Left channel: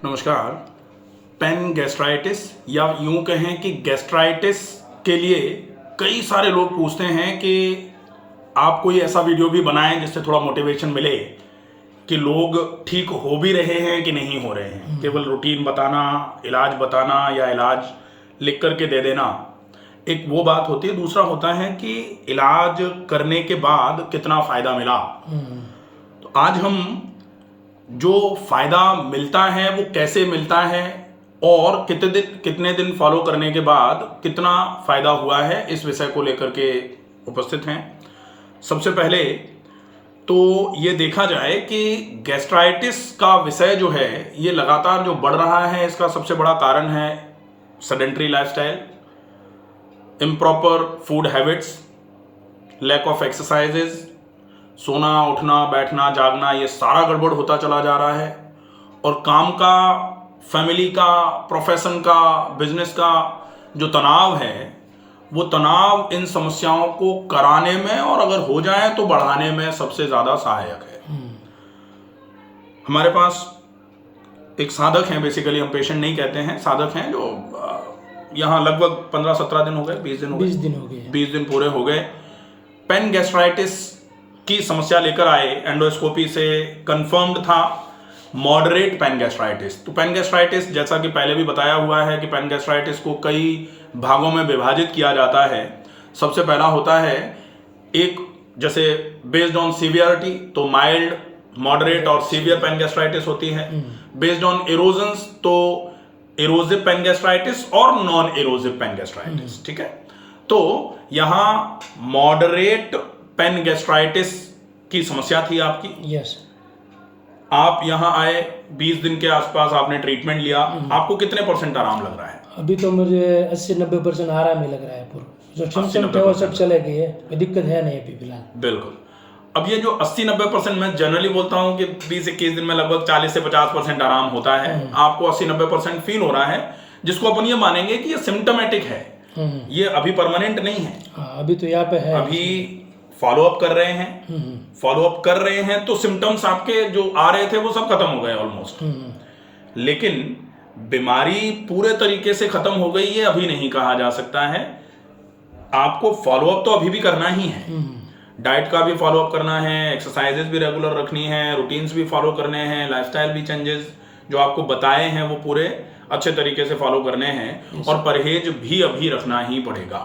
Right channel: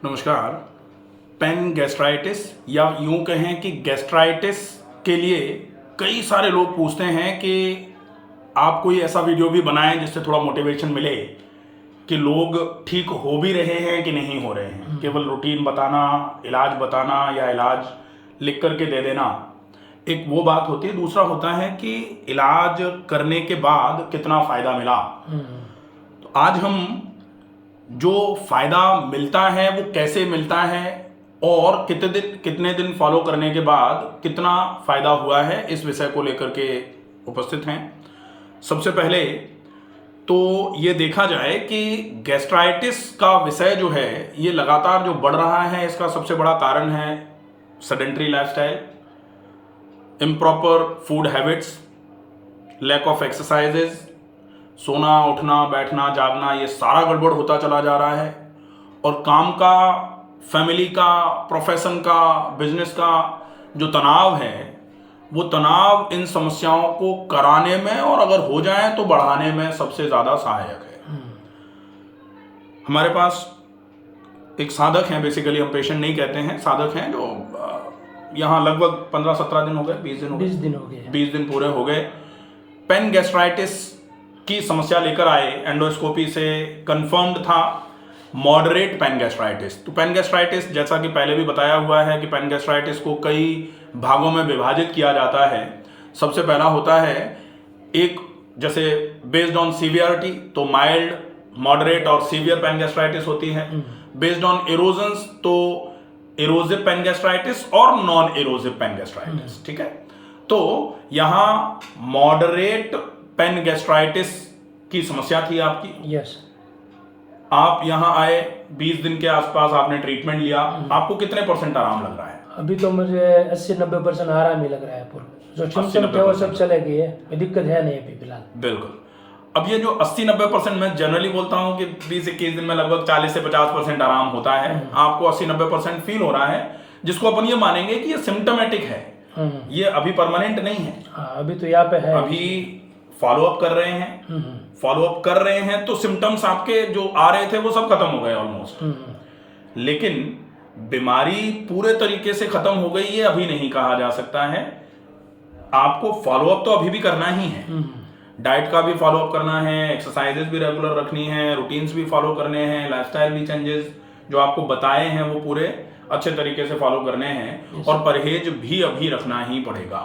नमस्कार। Pen gastritis या यूं कहें कि गैस्ट्राइटिस के लिए कई सारे लोग पूछते हैं कि आप कोई ऐसा वीडियो भी बनाएं जिससे थोड़ा मोटिवेशन मिले कि लोग ठीक हो भी रहे हैं कि नहीं हो रहे हैं। केवल रूटीन बताना, इलाज बताना या इलाज लिख करके दे देना एक वो बात होती है। दूसरा होता है कि इलाज करने के बाद कितना फ़ायदा मिला। तो आज हम जो फ़ायदा मिलता है वो कैसे मिलता है और कितने दिन फॉलो करने के बाद कितना फ़ायदा हुआ है, इस विषय को लेकर के उपस्थित हैं। सबसे पहले तो ये देखा जाए कि गैस्ट्राइटिस का विषय जो है ये लगातार जो बढ़ रहा है, इसका सबसे बड़ा कारण है sedentary lifestyle, improper food habits, lack of exercises, सोना उठना बैठना जागना ये सारा गड़बड़ होता चला जा रहा है। और काम का, फैमिली का, प्रोफेशन का, बिजनेस का जो तनाव है वो तनाव इन समस्याओं को कराने में और अगर हो जाए तो बढ़ाने में सबसे ज़्यादा सहायक है। हमारे पास एक साधक हैं, बेसिकली हम पेशेंट नहीं कहते हैं, साधक हैं जो यहाँ लगभग 15-17 दिन हो गए, 20 दिन हो गए, 20 दिन पूरे हो गए। पेन गैस्ट्राइटिस की समस्या लेकर आए, एंडोस्कोपी से कंफर्म्ड था मॉडरेट पेन गैस्ट्राइटिस। तो पेन गैस्ट्राइटिस जैसा कि पहले भी बताया हुआ है कि पेन गैस्ट्राइटिस को कई भागों में विभाजित किया जाता है। सबसे पहला होता है एक, जैसे बेस्ड ऑन सीवियरिटी, तो माइल्ड, मॉडरेट और सीवियर पेन गैस्ट्राइटिस होती है। बेस्ड ऑन एरोजन्स तो एरोजिव पेन गैस्ट्राइटिस और नॉन एरोजिव पेन गैस्ट्राइटिस। ठीक है, तो यहाँ मॉडरेट पेन गैस्ट्राइटिस की समस्या थी आपकी। यस। आप यहाँ आए, 20 दिन के आसपास आपने ट्रीटमेंट लिया। आपको कितने % आराम लग रहा है? अभी तो मुझे 80-90% आराम ही लग रहा है। पूरा जो सिम्टम थे वो सब चले गए हैं, कोई दिक्कत है नहीं अभी फिलहाल। बिल्कुल। अब ये जो 80-90% मैं जनरली बोलता हूँ कि 20-21 दिन में लगभग 40 से 50% आराम होता है। आपको 80-90% फील हो रहा है, जिसको अपन ये मानेंगे कि ये सिम्टोमेटिक है, ये अभी परमानेंट नहीं है। अभी तो यहाँ पे है, अभी फॉलो अप कर रहे हैं, फॉलो अप कर रहे हैं तो सिम्टम्स आपके जो आ रहे थे वो सब खत्म हो गए ऑलमोस्ट। लेकिन बीमारी पूरे तरीके से खत्म हो गई ये अभी नहीं कहा जा सकता है। आपको फॉलो अप तो अभी भी करना ही है, डाइट का भी फॉलो अप करना है, एक्सरसाइजेज भी रेगुलर रखनी है, रूटीन्स भी फॉलो करने हैं, लाइफस्टाइल भी चेंजेस जो आपको बताए हैं वो पूरे अच्छे तरीके से फॉलो करने हैं, और परहेज भी अभी रखना ही पड़ेगा।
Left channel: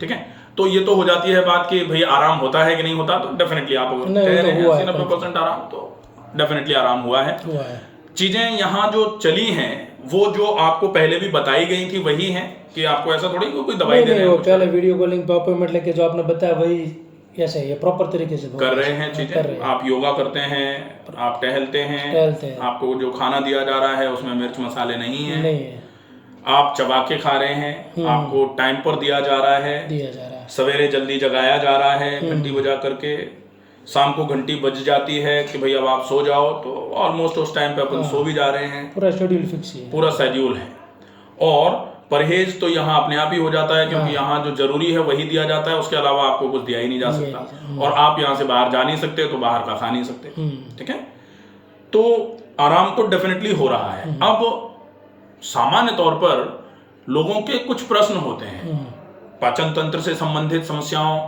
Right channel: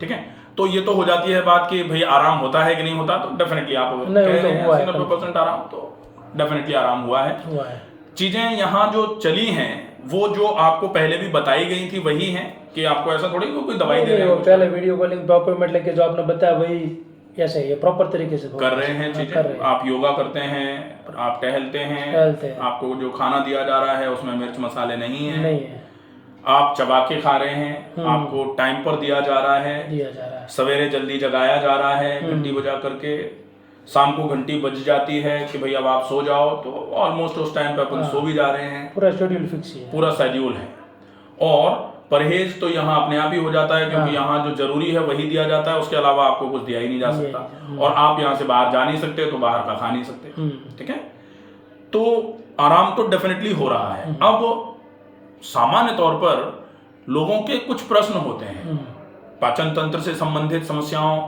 ठीक है, तो ये तो हो जाती है बात कि भाई आराम होता है कि नहीं होता। तो डेफिनेटली आप अगर कह रहे हैं 80-90% आराम, तो डेफिनेटली आराम हुआ है। चीजें यहाँ जो चली हैं वो जो आपको पहले भी बताई गई थी वही है कि आपको ऐसा थोड़ी कोई दवाई दे रहे हैं। पहले वीडियो कॉलिंग पे अपॉइंटमेंट लेके जो आपने बताया वही ऐसा ही है, प्रॉपर तरीके से कर रहे हैं चीजें। आप योगा करते हैं, आप टहलते हैं, आपको जो खाना दिया जा रहा है उसमें मिर्च मसाले नहीं है, आप चबा के खा रहे हैं, आपको टाइम पर दिया जा रहा है, सवेरे जल्दी जगाया जा रहा है घंटी बजा करके, शाम को घंटी बज जाती है कि भाई अब आप सो जाओ, तो ऑलमोस्ट उस टाइम पे अपन सो भी जा रहे हैं। पूरा शेड्यूल फिक्स है, पूरा शेड्यूल है। और परहेज तो यहाँ अपने आप ही हो जाता है, क्योंकि यहाँ जो जरूरी है वही दिया जाता है, उसके अलावा आपको कुछ दिया ही नहीं जा सकता। और आप यहाँ से बाहर जा नहीं सकते तो बाहर का खा नहीं सकते। ठीक है, तो आराम तो डेफिनेटली हो रहा है। अब सामान्य तौर पर लोगों के कुछ प्रश्न होते हैं, पाचन तंत्र से संबंधित समस्याओं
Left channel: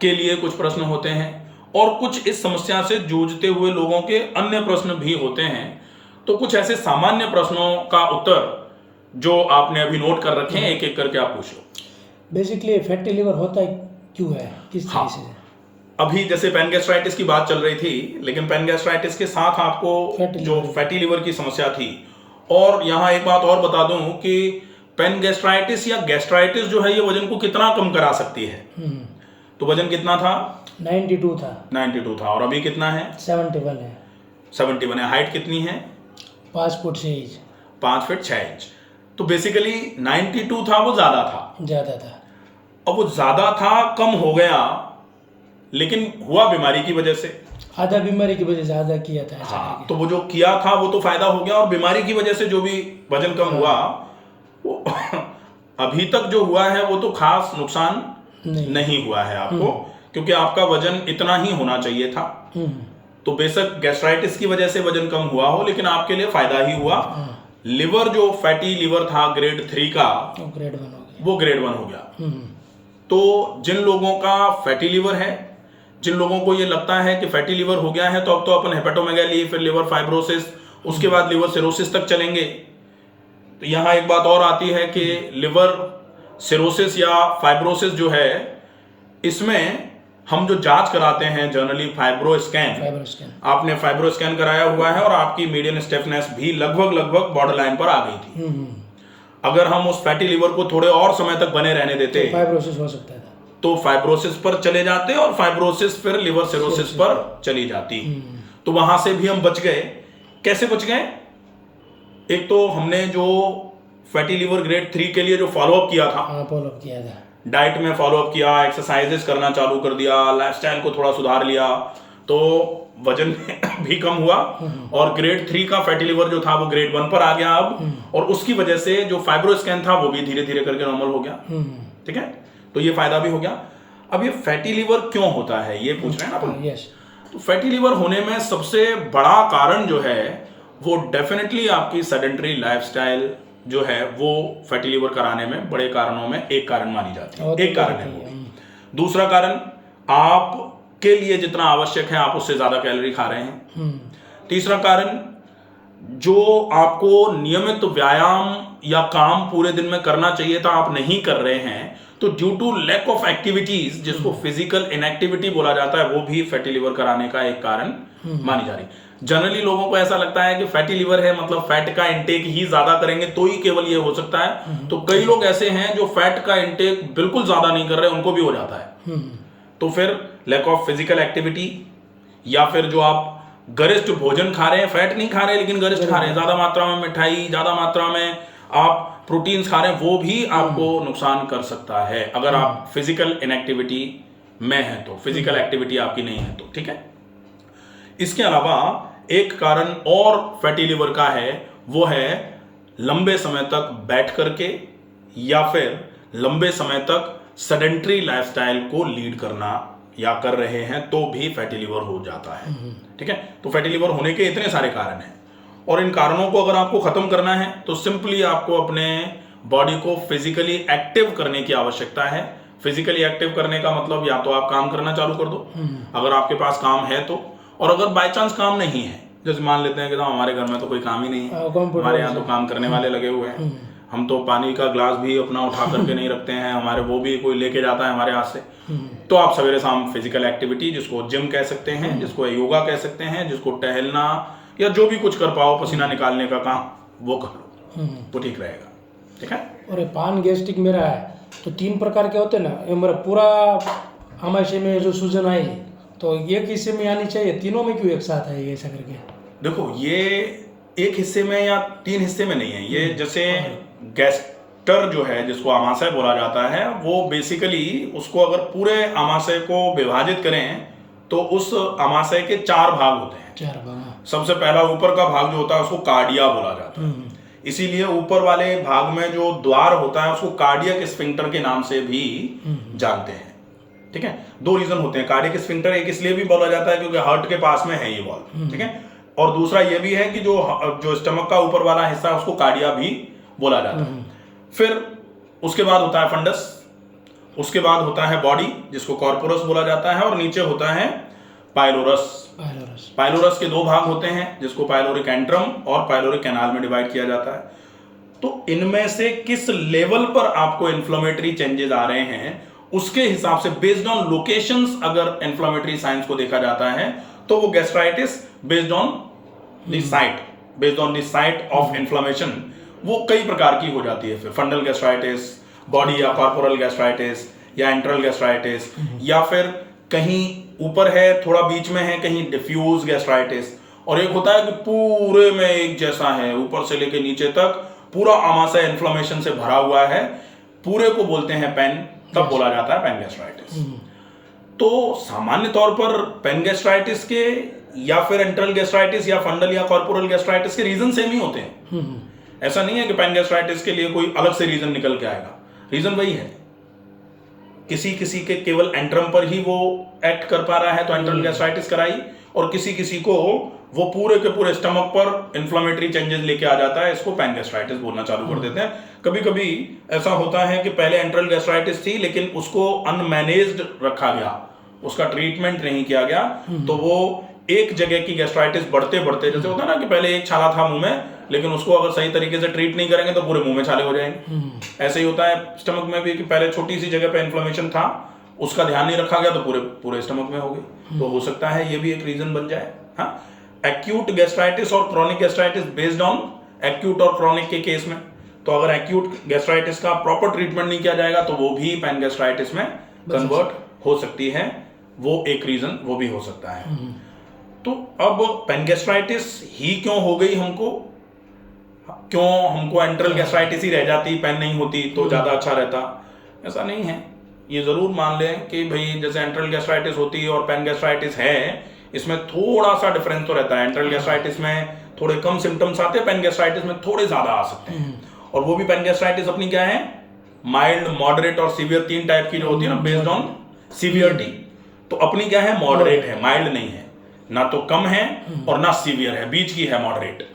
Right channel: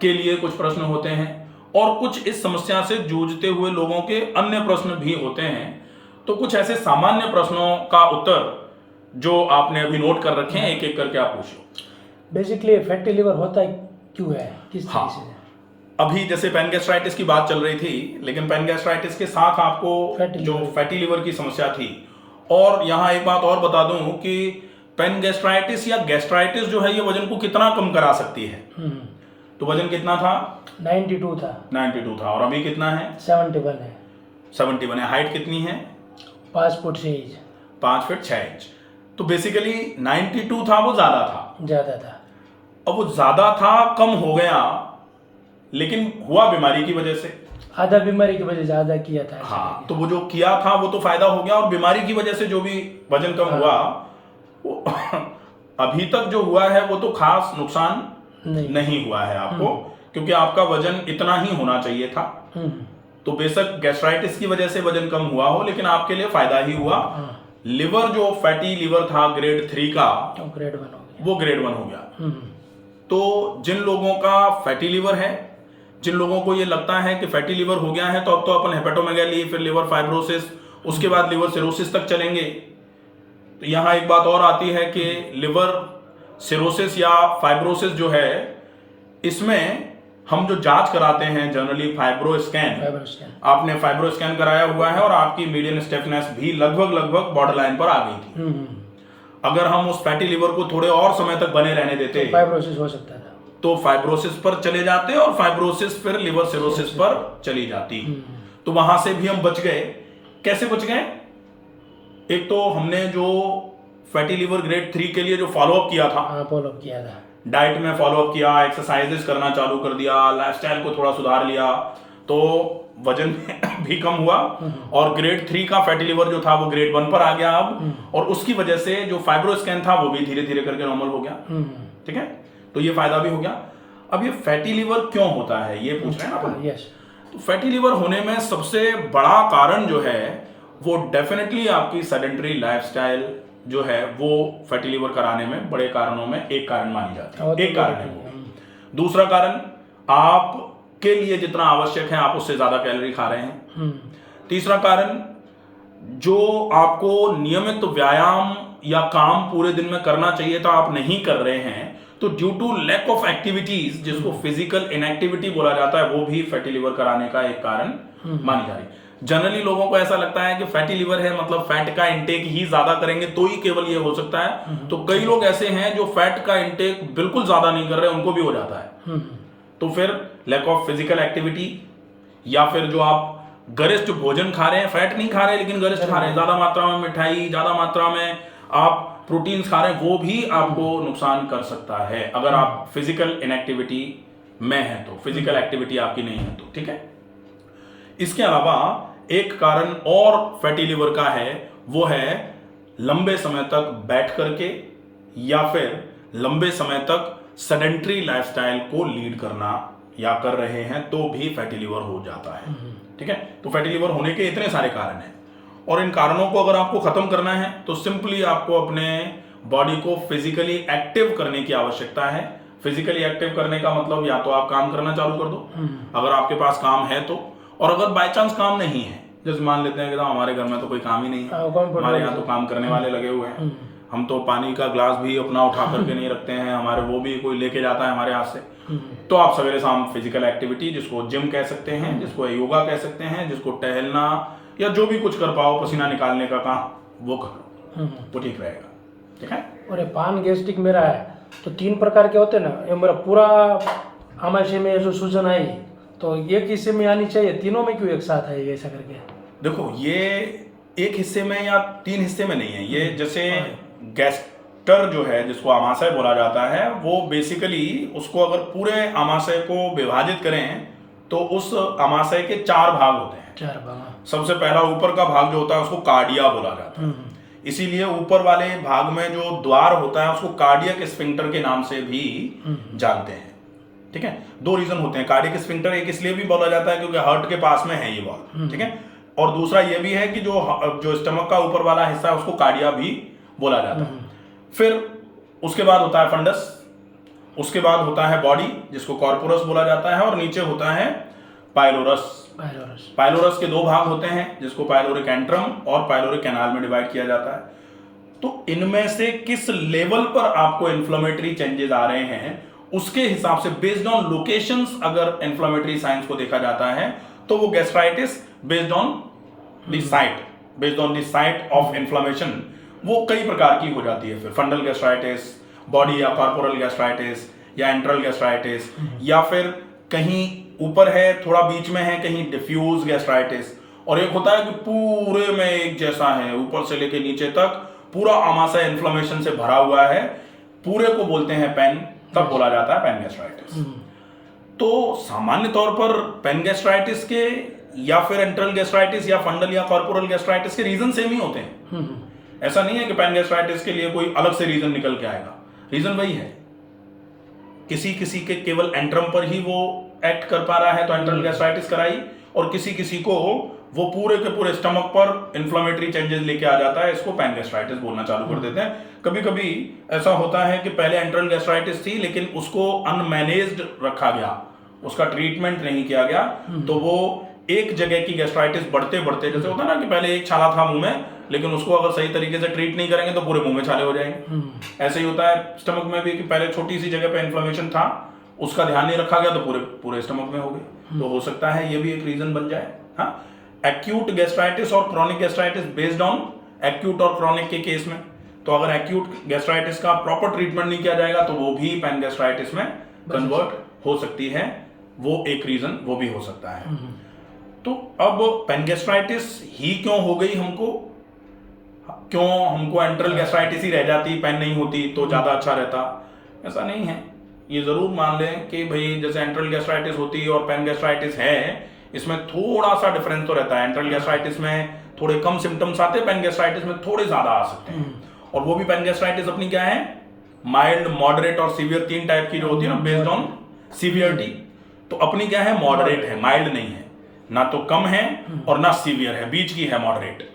के लिए कुछ प्रश्न होते हैं, और कुछ इस समस्या से जूझते हुए लोगों के अन्य प्रश्न भी होते हैं। तो कुछ ऐसे सामान्य प्रश्नों का उत्तर जो आपने अभी नोट कर रखे हैं, एक एक करके आप पूछ लो। बेसिकली फैटी लिवर होता है क्यों है, किस तरह से? अभी जैसे पेन गैस्ट्राइटिस की बात चल रही थी, लेकिन पेन गैस्ट्राइटिस के साथ आपको जो फैटी लिवर की समस्या थी, और यहाँ एक बात और बता दूं कि पेन गैस्ट्राइटिस या गैस्ट्राइटिस जो है ये वजन को कितना कम करा सकती है। तो वजन कितना था? 92 था। और अभी कितना है? 71 है। हाइट कितनी है? 5 फुट 6 इंच। 5 feet 6 inch. तो बेसिकली 92 था, वो ज्यादा था। अब वो ज्यादा था, कम हो गया, लेकिन हुआ बीमारी की वजह से। आधा बीमारी की वजह से आधा किया था। हाँ, तो वो जो किया था वो तो फायदा हो गया, और बीमारी की वजह से जो भी वजन कम हुआ वो अभी तक जो हुआ है वो तो खास नुकसान नहीं हुआ है आपको, क्योंकि आपका वजन इतना ही होना चाहिए था। तो बेशक गैस्ट्राइटिस की वजह से वजन कम हुआ हो, लेकिन आपके लिए फायदा ही हुआ। लिवर जो फैटी लिवर था ग्रेड 3 का, तो ग्रेड 1 हो गया। वो ग्रेड 1 हो गया। तो जिन लोगों का फैटी लिवर है, जिन लोगों को ये लगता है कि फैटी लिवर हो गया है, तो अब तो अपन हेपेटोमेगाली, फिर लिवर फाइब्रोसिस, उसके बाद लिवर सिरोसिस तक चलेंगे। तो यहां एक बात और आती है कि लिवर सिरोसिस या फाइब्रोसिस जो है, इसमें हम जो जांच कराते हैं जनरली फाइब्रो स्कैन, आपने फाइब्रो स्कैन कराया हुआ है और आपकी मीडियन स्टिफनेस भी लगभग बॉर्डर लाइन पर आ गई थी। अगर हम उस फैटी लिवर को थोड़े और समय तक बने रहने देते, फाइब्रोसिस हो सकता था, तो फाइब्रोसिस पर चले जाते और फाइब्रोसिस फिर लिवर सिरोसिस पर चली जाती। तो वहां से भी हम बच गए। कैसे बच गए? एक तो हमने जो फैटी लिवर ग्रेड 3 के लिए जो फॉलोअप किया था, डाइट में फॉलोअप किया, एक्सरसाइजेस करना चालू कर दिया, लाइफस्टाइल को थोड़ा सुधार लिया, तो वजन भी कम हुआ और ग्रेड 3 का फैटी लिवर जो था वो ग्रेड 1 पर आ गया अब, और उसकी वजह से जो फाइब्रो स्कैन था वो भी धीरे धीरे करके नॉर्मल हो गया। ठीक है, तो ये फायदा भी हो गया। अब ये फैटी लिवर क्यों होता है, ये पूछ रहे हैं ना अपन। तो फैटी लिवर होने में सबसे बड़ा कारण जो है वो डेफिनेटली आपकी सेडेंटरी लाइफस्टाइल जो है, वो फैटी लिवर कराने में बड़े कारणों में एक कारण मानी जाती है। एक कारण है वो भी। दूसरा कारण, आपके लिए जितना आवश्यक है आप उससे ज्यादा कैलोरी खा रहे हैं। तीसरा कारण, जो आपको नियमित व्यायाम या काम पूरे दिन में करना चाहिए था आप नहीं कर रहे हैं, तो due to lack of activities, जिसको फिजिकल इनएक्टिविटी बोला जाता है, वो भी फैटी लिवर कराने का एक कारण मानी जा रही है। जनरली लोगों को ऐसा लगता है कि फैटी लिवर है मतलब फैट का इंटेक ही ज्यादा करेंगे तो ही केवल ये हो सकता है। तो कई लोग ऐसे हैं जो फैट का इंटेक बिल्कुल ज्यादा नहीं कर रहे, उनको भी हो जाता है। तो फिर लैक ऑफ फिजिकल एक्टिविटी, या फिर जो आप गरिष्ठ भोजन खा रहे हैं, फैट नहीं खा रहे लेकिन गरिष्ठ खा रहे हैं, ज्यादा मात्रा में मिठाई, ज्यादा मात्रा में आप प्रोटीन्स खा रहे हैं, वो भी आपको नुकसान कर सकता है अगर आप फिजिकल इनएक्टिविटी में है तो, फिजिकल एक्टिविटी आपकी नहीं है तो। ठीक है, इसके अलावा एक कारण और फैटी लिवर का है, वो है लंबे समय तक बैठ करके या फिर लंबे समय तक सेडेंटरी लाइफस्टाइल को लीड करना या कर रहे हैं तो भी फैटी लिवर हो जाता है। ठीक है, तो फैटी लिवर होने के इतने सारे कारण हैं, और इन कारणों को अगर आपको खत्म करना है तो सिंपली आपको अपने बॉडी को फिजिकली एक्टिव करने की आवश्यकता है। फिजिकली एक्टिव करने का मतलब या तो आप काम करना चालू कर दो अगर आपके पास काम है तो, और अगर बाय चांस काम नहीं है, जैसे मान लेते हैं कि हमारे घर में तो कोई काम ही नहीं है, हमारे यहाँ तो काम करने वाले लगे हुए हैं, हम तो पानी का ग्लास भी अपना उठा करके नहीं रखते हैं, हमारे वो भी कोई लेके जाता है हमारे हाथ से, तो आप सवेरे शाम फिजिकल एक्टिविटी, जिसको जिम कह सकते हैं, जिसको योगा कह सकते हैं, जिसको टहलना या जो भी कुछ कर पाओ पसीना निकालने का काम, वो कर लो, वो ठीक रहेगा। ठीक है, और ये पान गैस्ट्रिक मेरा है तो 3 प्रकार के होते हैं ना, ये मेरा पूरा आमाशय में जो सूजन आई तो एक हिस्से में आनी चाहिए, तीनों में क्यों एक साथ है ऐसा करके? देखो, ये एक हिस्से में या 3 हिस्से में नहीं है, ये जैसे गैस्टर जो है जिसको आमाशय बोला जाता है, वो बेसिकली उसको अगर पूरे आमाशय को विभाजित करें तो उस आमाशय के 4 भाग होते हैं। 4 भाग। सबसे पहला ऊपर का भाग जो होता है उसको कार्डिया बोला जाता है, इसीलिए ऊपर वाले भाग में जो द्वार होता है उसको कार्डियक स्फिंक्टर के नाम से भी जानते हैं। ठीक है, 2 रीजन होते हैं। कार्डियक स्फिंक्टर एक इसलिए भी बोला जाता है क्योंकि हार्ट के पास में है ये वॉल्व। ठीक है, और दूसरा ये भी है कि जो स्टमक का ऊपर वाला हिस्सा है उसको कार्डिया भी बोला जाता है। फिर उसके बाद होता है फंडस, उसके बाद होता है बॉडी जिसको कॉर्पोरस बोला जाता है, और नीचे होता है पाइलोरस। पाइलोरस के 2 भाग होते हैं जिसको पाइलोरिक एंट्रम और पाइलोरिक कैनाल में डिवाइड किया जाता है। तो इनमें से किस लेवल पर आपको इन्फ्लेमेटरी चेंजेस आ रहे हैं उसके हिसाब से बेस्ड ऑन लोकेशंस अगर इन्फ्लेमेटरी साइंस को देखा जाता है तो वो gastritis based on the site of inflammation वो कई प्रकार की हो जाती है। फिर फंडल गैस्ट्राइटिस, बॉडी या कॉर्पोरल गैस्ट्राइटिस या एंट्रल गैस्ट्राइटिस, या फिर कहीं ऊपर है थोड़ा बीच में है कहीं डिफ्यूज गैस्ट्राइटिस, और एक होता है कि पूरे में एक जैसा है, ऊपर से लेके नीचे तक पूरा आमाशय इन्फ्लेमेशन से भरा हुआ है, पूरे को बोलते हैं पेन, तब बोला जाता है पेन गैस्ट्राइटिस। तो सामान्य तौर पर पेन गैस्ट्राइटिस के या फिर एंट्रल गैस्ट्राइटिस या फंडल या कॉर्पोरल गैस्ट्राइटिस के रीजन सेम ही होते हैं। ऐसा नहीं है कि पेन गैस्ट्राइटिस के लिए कोई अलग से रीजन निकल के आएगा, रीजन वही है। किसी किसी के केवल एंट्रम पर ही वो एक्ट कर पा रहा है तो एंट्रल गैस्ट्राइटिस कराई, और किसी किसी को वो पूरे के पूरे स्टमक पर इन्फ्लेमेटरी चेंजेस लेके आ जाता है, इसको पैन गैस्ट्राइटिस बोलना चालू कर देते हैं। कभी कभी ऐसा होता है कि पहले एंट्रल गैस्ट्राइटिस थी लेकिन उसको अनमैनेज्ड रखा गया, उसका ट्रीटमेंट नहीं किया गया, तो वो एक जगह की गैस्ट्राइटिस बढ़ते बढ़ते, जैसे होता है ना कि पहले एक छाला था मुंह में, लेकिन उसको अगर सही तरीके से ट्रीट नहीं करेंगे तो पूरे मुंह में छाले हो जाएंगे। ऐसे ही होता है स्टमक में भी कि पहले छोटी सी जगह पे इन्फ्लेमेशन था, उसका ध्यान नहीं रखा गया तो पूरे पूरे स्टमक में हो गई। तो हो सकता है ये भी एक रीजन बन जाए। हाँ, एक्यूट गैस्ट्राइटिस और chronic gastritis based on acute और क्रॉनिक के केस में, तो अगर एक्यूट गैस्ट्राइटिस का प्रॉपर ट्रीटमेंट नहीं किया जाएगा तो वो भी पैन गैस्ट्राइटिस में कन्वर्ट हो सकती है, वो एक रीजन वो भी हो सकता है। तो अब पैन गैस्ट्राइटिस ही क्यों हो गई हमको, क्यों हमको एंट्रल गैस्ट्राइटिस ही रह जाती, पैन नहीं होती तो ज्यादा अच्छा रहता? ऐसा नहीं है। ये जरूर मान लें कि भाई जैसे एंट्रल गैस्ट्राइटिस होती है और पैन गैस्ट्राइटिस है, इसमें थोड़ा सा डिफरेंस तो रहता है। एंट्रल गैस्ट्राइटिस में थोड़े कम सिम्टम्स आते हैं, पैन गैस्ट्राइटिस में थोड़े ज्यादा आ सकते हैं। और वो भी पैन गैस्ट्राइटिस अपनी क्या है, माइल्ड, मॉडरेट और सीवियर, 3 टाइप की जो होती है ना बेस्ड ऑन सीवियरिटी। तो अपनी क्या है, मॉडरेट है, माइल्ड नहीं है, ना तो कम है और ना सीवियर है, बीच की है, मॉडरेट।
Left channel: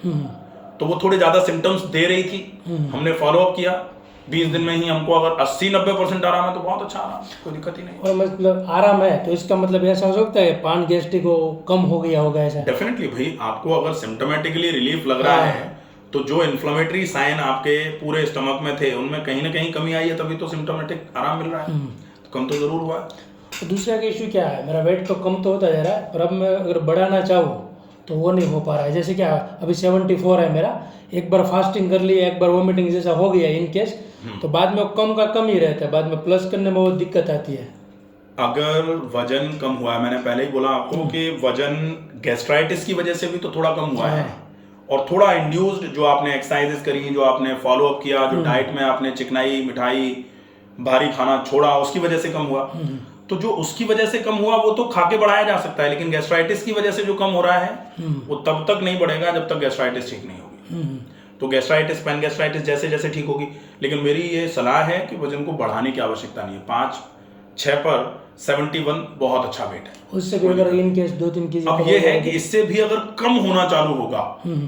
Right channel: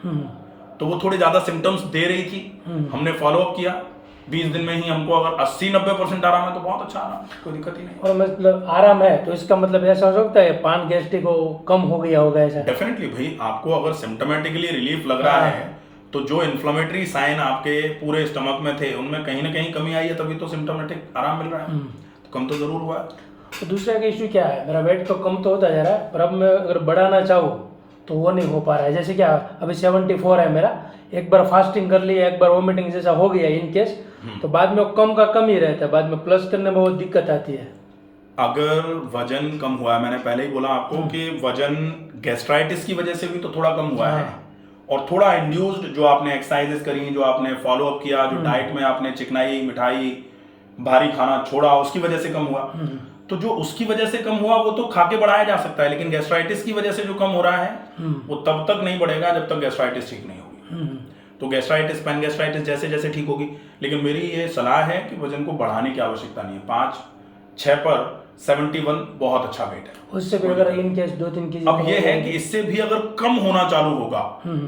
तो वो थोड़े ज्यादा सिम्टम्स दे रही थी, हमने फॉलो अप किया, 20 दिन में ही हमको अगर 80-90% आराम है तो बहुत अच्छा आराम, कोई दिक्कत ही नहीं। और मतलब आराम है तो इसका मतलब ऐसा हो सकता है पान गैस्ट्रिक हो कम हो गया होगा ऐसा? डेफिनेटली भाई, आपको अगर सिम्टोमेटिकली रिलीफ लग रहा है तो जो इन्फ्लेमेटरी साइन आपके पूरे स्टमक में थे उनमें कहीं ना कहीं कमी आई है, तभी तो सिम्टोमेटिक आराम मिल रहा है। तो कम तो जरूर हुआ है। तो दूसरा का इशू क्या है, मेरा वेट तो कम तो होता जा रहा है पर अब मैं अगर बढ़ाना चाहूँ तो वो नहीं हो पा रहा है। जैसे क्या अभी 74 है मेरा, एक बार फास्टिंग कर लिया, एक बार वोमिटिंग जैसा हो गया इन केस, तो बाद में वो कम का कम ही रहता है, बाद में प्लस करने में बहुत दिक्कत आती है। अगर वजन कम हुआ है, मैंने पहले ही बोला आपको कि वजन गैस्ट्राइटिस की वजह से भी तो थोड़ा कम हुआ है, और थोड़ा इंड्यूस्ड जो आपने एक्सरसाइजेस करी, जो आपने फॉलो अप किया, जो डाइट में आपने चिकनाई, मिठाई, भारी खाना छोड़ा, उसकी वजह से कम हुआ। तो जो उसकी वजह से कम हुआ वो तो खाके बढ़ाया जा सकता है, लेकिन गैस्ट्राइटिस की वजह से जो कम हो रहा है वो तब तक नहीं बढ़ेगा जब तक गैस्ट्राइटिस ठीक नहीं होगी। तो गैस्ट्राइटिस, पैन गैस्ट्राइटिस जैसे जैसे ठीक होगी, लेकिन मेरी ये सलाह है कि वजन को बढ़ाने की आवश्यकता नहीं है। 5-6 पर 71 बहुत अच्छा वेट है। उससे भी अगर इन केस 2-3 केजी, अब ये है कि इससे भी अगर कम होना चालू होगा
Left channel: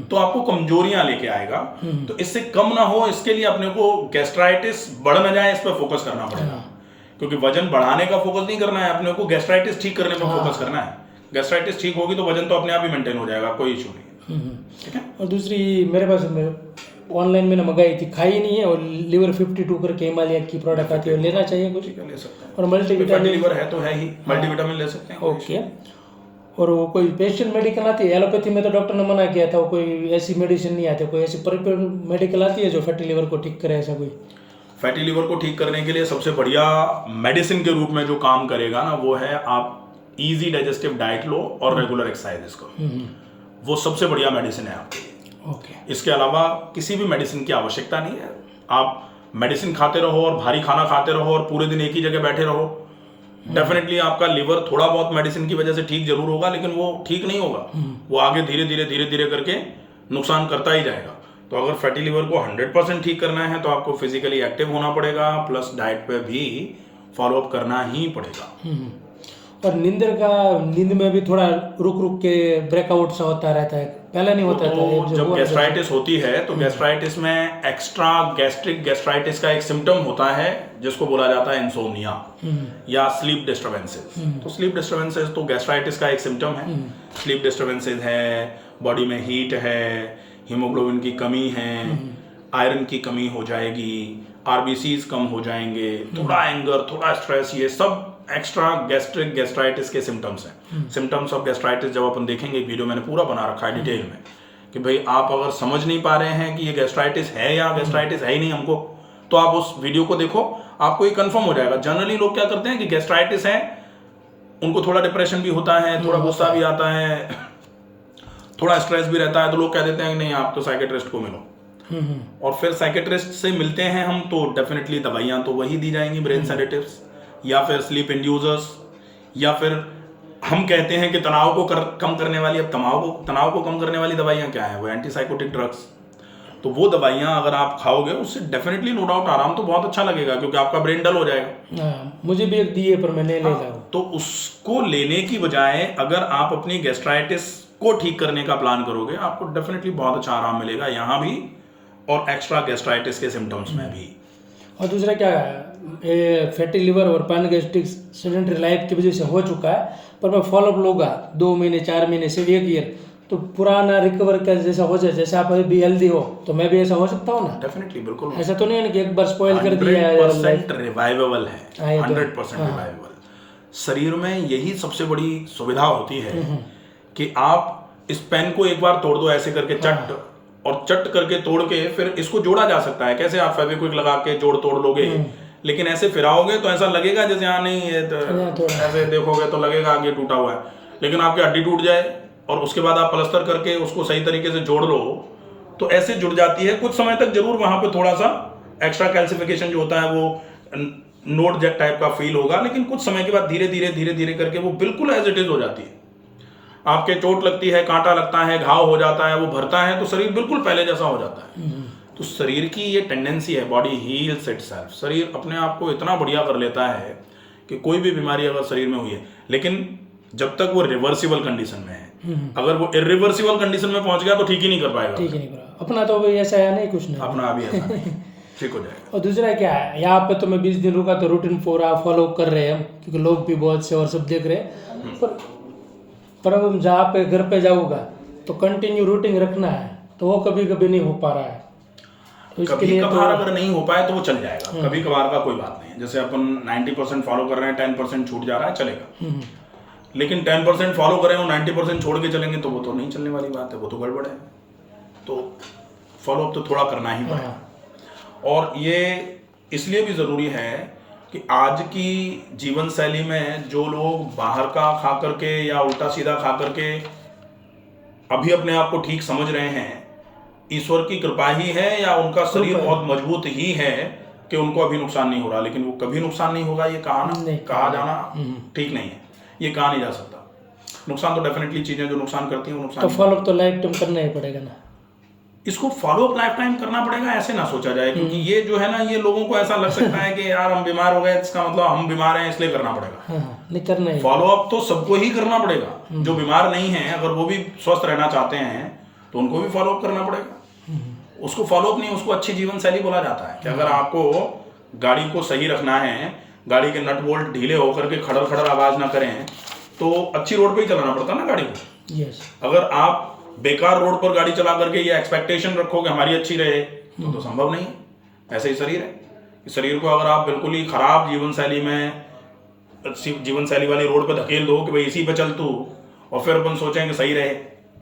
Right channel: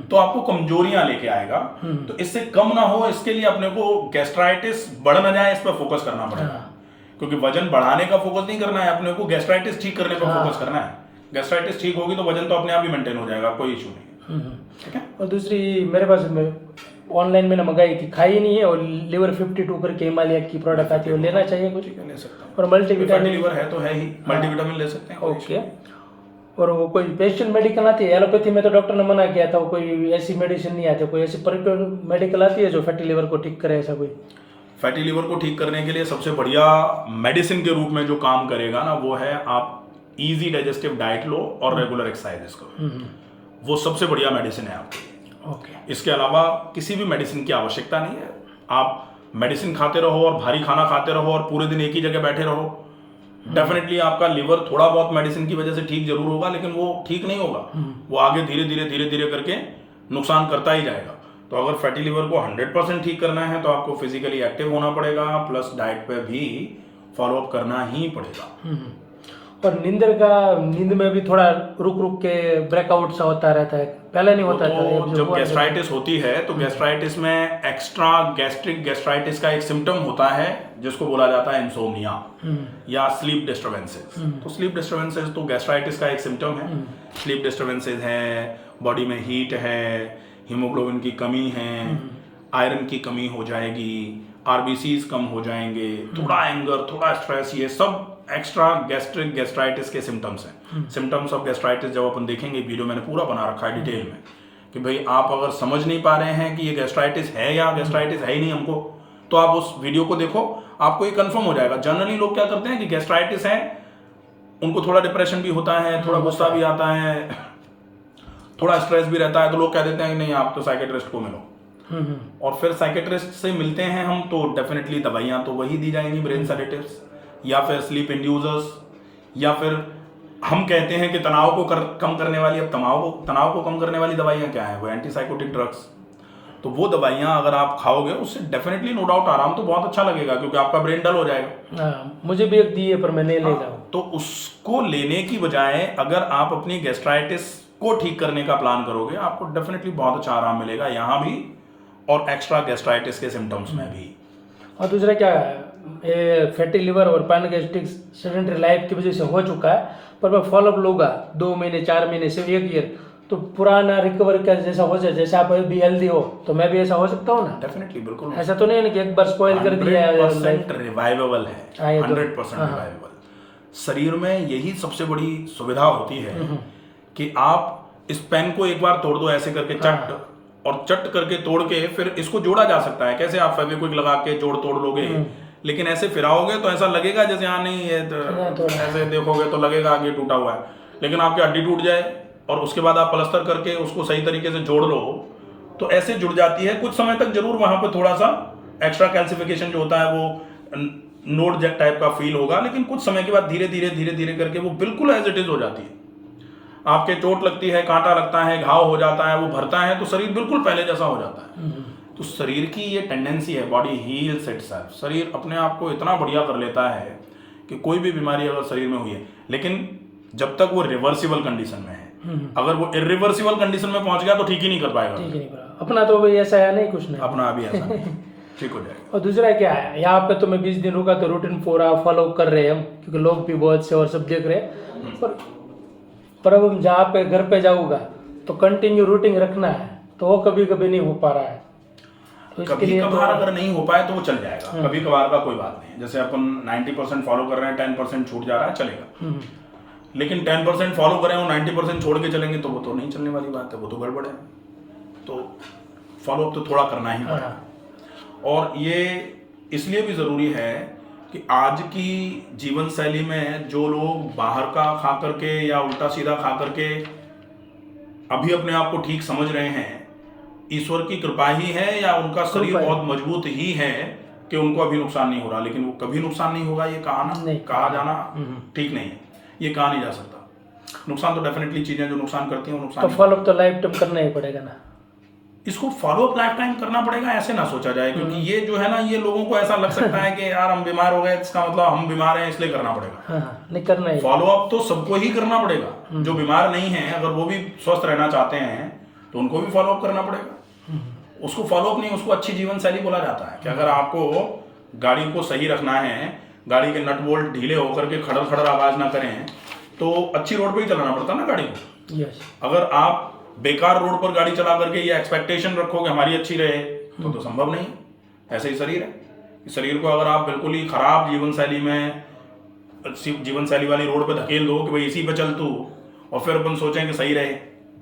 तो आपको कमजोरियां लेके आएगा। तो इससे कम ना हो, इसके लिए अपने को गैस्ट्राइटिस बढ़ ना जाए इस पर फोकस करना पड़ेगा, क्योंकि वजन बढ़ाने का फोकस नहीं करना है अपने को, गैस्ट्राइटिस ठीक करने पर फोकस करना है। गैस्ट्राइटिस ठीक होगी तो वजन तो अपने आप ही मेंटेन हो जाएगा, कोई इशू नहीं है। ठीक है। और दूसरी मेरे पास ऑनलाइन मैंने मंगाई थी, खाई नहीं है, और लिवर 52 करके हिमालय की प्रोडक्ट आती है, लेना चाहिए कुछ? ठीक है, ले सकते हैं। और मल्टीविटामिन लिवर है तो है ही, मल्टीविटामिन ले सकते हैं, कोई इशू ओके। नहीं। और वो कोई स्पेशल मेडिकल आती है? एलोपैथी में तो डॉक्टर ने मना किया था, कोई ऐसी मेडिसिन नहीं आती, कोई ऐसी मेडिकल आती है जो फैटी लिवर को ठीक करे, ऐसा कोई? फैटी लिवर को ठीक करने के लिए सबसे बढ़िया मेडिसिन के रूप में जो काम करेगा ना, वो है आप इजी डाइजेस्टिव डाइट लो और रेगुलर एक्सरसाइजेस करो। वो सबसे बढ़िया मेडिसिन है आपके लिए। ओके। इसके अलावा किसी भी मेडिसिन की आवश्यकता नहीं है। आप मेडिसिन खाते रहो और भारी खाना खाते रहो और पूरे दिन एक ही जगह बैठे रहो, डेफिनेटली आपका लिवर थोड़ा बहुत मेडिसिन की वजह से ठीक जरूर होगा, लेकिन वो ठीक नहीं होगा, वो आगे धीरे धीरे करके नुकसान करता ही जाएगा। तो अगर फैटी लिवर को 100% ठीक करना है तो आपको फिजिकली एक्टिव होना पड़ेगा, प्लस डाइट पे भी फॉलो अप करना ही पड़ेगा। और नींद में भी थोड़ा रुक के ब्रेकआउट सा होता रहता है, पहले नहीं होता था। तो जब गैस्ट्राइटिस होती है तो गैस्ट्राइटिस में एक्स्ट्रा गैस्ट्रिक गैस्ट्राइटिस का एक सिम्टम होता है जिसको बोला जाता है इंसोम्निया या स्लीप डिस्टर्बेंसेस। तो स्लीप डिस्टर्बेंसेस तो गैस्ट्राइटिस का एक सिम्टम है। स्लीप डिस्टर्बेंसेस है, बॉडी में हीट है, हीमोग्लोबिन की कमी है, आयरन की कमी हो जाएगी, आरबीसीज कम हो जाएंगे, थोड़ा एंगर, थोड़ा स्ट्रेस, ये सब एक्स्ट्रा गैस्ट्रिक गैस्ट्राइटिस के सिम्टम्स हैं। सिम्टम्स ऑफ गैस्ट्राइटिस जब अपन देखेंगे, वीडियो मैंने पूरा बना रखा है डिटेल में, कि भाई आप अगर समझ नहीं पा रहे हैं कि ये गैस्ट्राइटिस है या गैस्ट्राइटिस है ही नहीं हमको, तो आप उस वीडियो को देखो, आपको ये कंफर्म हो जाएगा। जनरली लोग क्या करते हैं कि गैस्ट्राइटिस है, उनको थोड़ा डिप्रेशन भी होता है, थोड़ा गुस्सा भी आता है, थोड़ा स्ट्रेस भी रहता है, तो लोग कह देते हैं कि नहीं आप तो साइकेट्रिस्ट को मिलो। और फिर साइकेट्रिस्ट से मिलते हैं हम तो डेफिनेटली दवाइयाँ तो वही दी जाएंगी, ब्रेन सेडेटिव्स या फिर स्लीप इंड्यूसर्स, या फिर हम कहते हैं कि तनाव को कम करने वाली, अब तनाव को कम करने वाली दवाइयाँ क्या हैं, वो एंटीसाइकोटिक ड्रग्स। तो वो दवाइयाँ अगर आप खाओगे उससे डेफिनेटली नो डाउट आराम तो बहुत अच्छा लगेगा, क्योंकि आपका ब्रेन डल हो जाएगा। मुझे भी एक दिए पर मैं नहीं ले रहा। तो उसको लेने की बजाय अगर आप अपनी गैस्ट्राइटिस को ठीक करने का प्लान करोगे, आपको डेफिनेटली बहुत अच्छा आराम मिलेगा यहाँ भी और एक्स्ट्रा गैस्ट्राइटिस के सिम्टम्स में भी। और दूसरा क्या है, ये फैटी लिवर और पैनगैस्ट्रिक सेडेंटरी लाइफ की वजह से हो चुका है, पर मैं फॉलोअप लूँगा 2 महीने 4 महीने से 1 ईयर, तो पुराना रिकवर का जैसा हो जाए, जैसे आप अभी भी हेल्दी हो तो मैं भी ऐसा हो सकता हूँ ना? डेफिनेटली, बिल्कुल। ऐसा तो नहीं है कि एक बार स्पॉइल कर दिया है। 100% रिवाइवेबल है, हाँ, ये तो- 100% रिवाइवेबल। शरीर में यही सबसे बड़ी सुविधा होती है कि आप इस पेन को एक बार तोड़ दो ऐसे करके चट, और चट करके तोड़ के फिर इसको जोड़ा जा सकता है। कैसे आप फेविक्विक लगा के जोड़ तोड़ लोगे, लेकिन ऐसे फिराओगे तो ऐसा लगेगा जैसे यहाँ नहीं है, तो ऐसे देखोगे तो लगेगा कि ये टूटा हुआ है। लेकिन आपकी हड्डी टूट जाए और उसके बाद आप प्लास्टर करके उसको सही तरीके से जोड़ लो तो ऐसे जुड़ जाती है। कुछ समय तक जरूर वहां पे थोड़ा सा एक्स्ट्रा कैल्सिफिकेशन जो होता है वो नोट जेट टाइप का फील होगा, लेकिन कुछ समय के बाद धीरे धीरे धीरे धीरे करके वो बिल्कुल एज इट इज हो जाती है। आपके चोट लगती है, कांटा लगता है, घाव हो जाता है, वो भरता है तो शरीर बिल्कुल पहले जैसा हो जाता है। तो शरीर की ये टेंडेंसी है, बॉडी हील्स इटसेल्फ। शरीर अपने आप को इतना बढ़िया कर लेता है कि कोई भी बीमारी अगर शरीर में हुई है, लेकिन जब तक वो रिवर्सिबल कंडीशन में है, अगर वो इरिवर्सिबल कंडीशन में पहुंच गया तो ठीक ही नहीं कर पाएगा। ठीक ही नहीं करा, अपना तो भाई ऐसा है नहीं, कुछ नहीं अपना अभी ऐसा नहीं, ठीक हो जाएगा। और दूसरा क्या है, यहाँ पे तो मैं 20 दिन रुका तो रूटीन पूरा फॉलो कर रहे हैं हम, क्योंकि लोग भी बहुत से और सब देख रहे हैं। पर अब जहाँ पे घर पे जाऊँगा तो कंटिन्यू रूटीन रखना है, तो वो कभी कभी नहीं हो पा रहा है। तो इसके कभी लिए कभार तो- अगर नहीं हो पाए तो वो चल जाएगा, कभी कभार का कोई बात नहीं है। जैसे अपन 90% फॉलो कर रहे हैं, 10% छूट जा रहा है, चलेगा। लेकिन 10% फॉलो करें और 90% छोड़ के चलेंगे तो वो तो नहीं चलने वाली बात है, वो तो गड़बड़ है। तो फॉलो अप तो थोड़ा करना ही पड़ेगा। और ये इसलिए भी ज़रूरी है कि आज की जीवन शैली में जो लोग बाहर का खा करके या उल्टा सीधा खा करके अभी अपने आप को ठीक समझ रहे हैं, ईश्वर की कृपा ही है या उनका शरीर बहुत मजबूत ही है कि उनको अभी नुकसान नहीं हो रहा। लेकिन वो कभी नुकसान नहीं होगा, ये कहा जाना ठीक नहीं है, ये कहा नहीं जा सकता। नुकसान तो डेफिनेटली चीज़ें जो नुकसान करती हैं वो नुकसान तो फॉलो तो लाइफ टाइम करना ही पड़ेगा ना। इसको फॉलो अप लाइफ टाइम करना पड़ेगा ऐसे ना सोचा जाए, क्योंकि ये जो है ना, ये लोगों को ऐसा लग सकता है कि यार हम बीमार हो गए, इसका मतलब हम बीमार हैं इसलिए करना पड़ेगा। हाँ, नहीं करना ही। फॉलो अप तो सबको ही करना पड़ेगा। जो बीमार नहीं है अगर वो भी स्वस्थ रहना चाहते हैं तो उनको भी फॉलो अप करना पड़ेगा। उसको फॉलो अप नहीं, उसको अच्छी जीवन शैली बोला जाता है। कि अगर आपको गाड़ी को सही रखना है, गाड़ी के नट बोल्ट ढीले होकर के खड़र खड़र आवाज ना करें, तो अच्छी रोड पे ही चलाना पड़ता ना गाड़ी को। यस। अगर आप बेकार रोड पर गाड़ी चला करके ये एक्सपेक्टेशन रखोगे हमारी अच्छी रहे तो संभव नहीं है। ऐसे ही शरीर है कि शरीर को अगर आप बिल्कुल ही खराब जीवन शैली में, जीवन शैली वाली रोड पे धकेल दो कि भाई इसी पे चल तू, और फिर अपन सोचें कि सही रहे,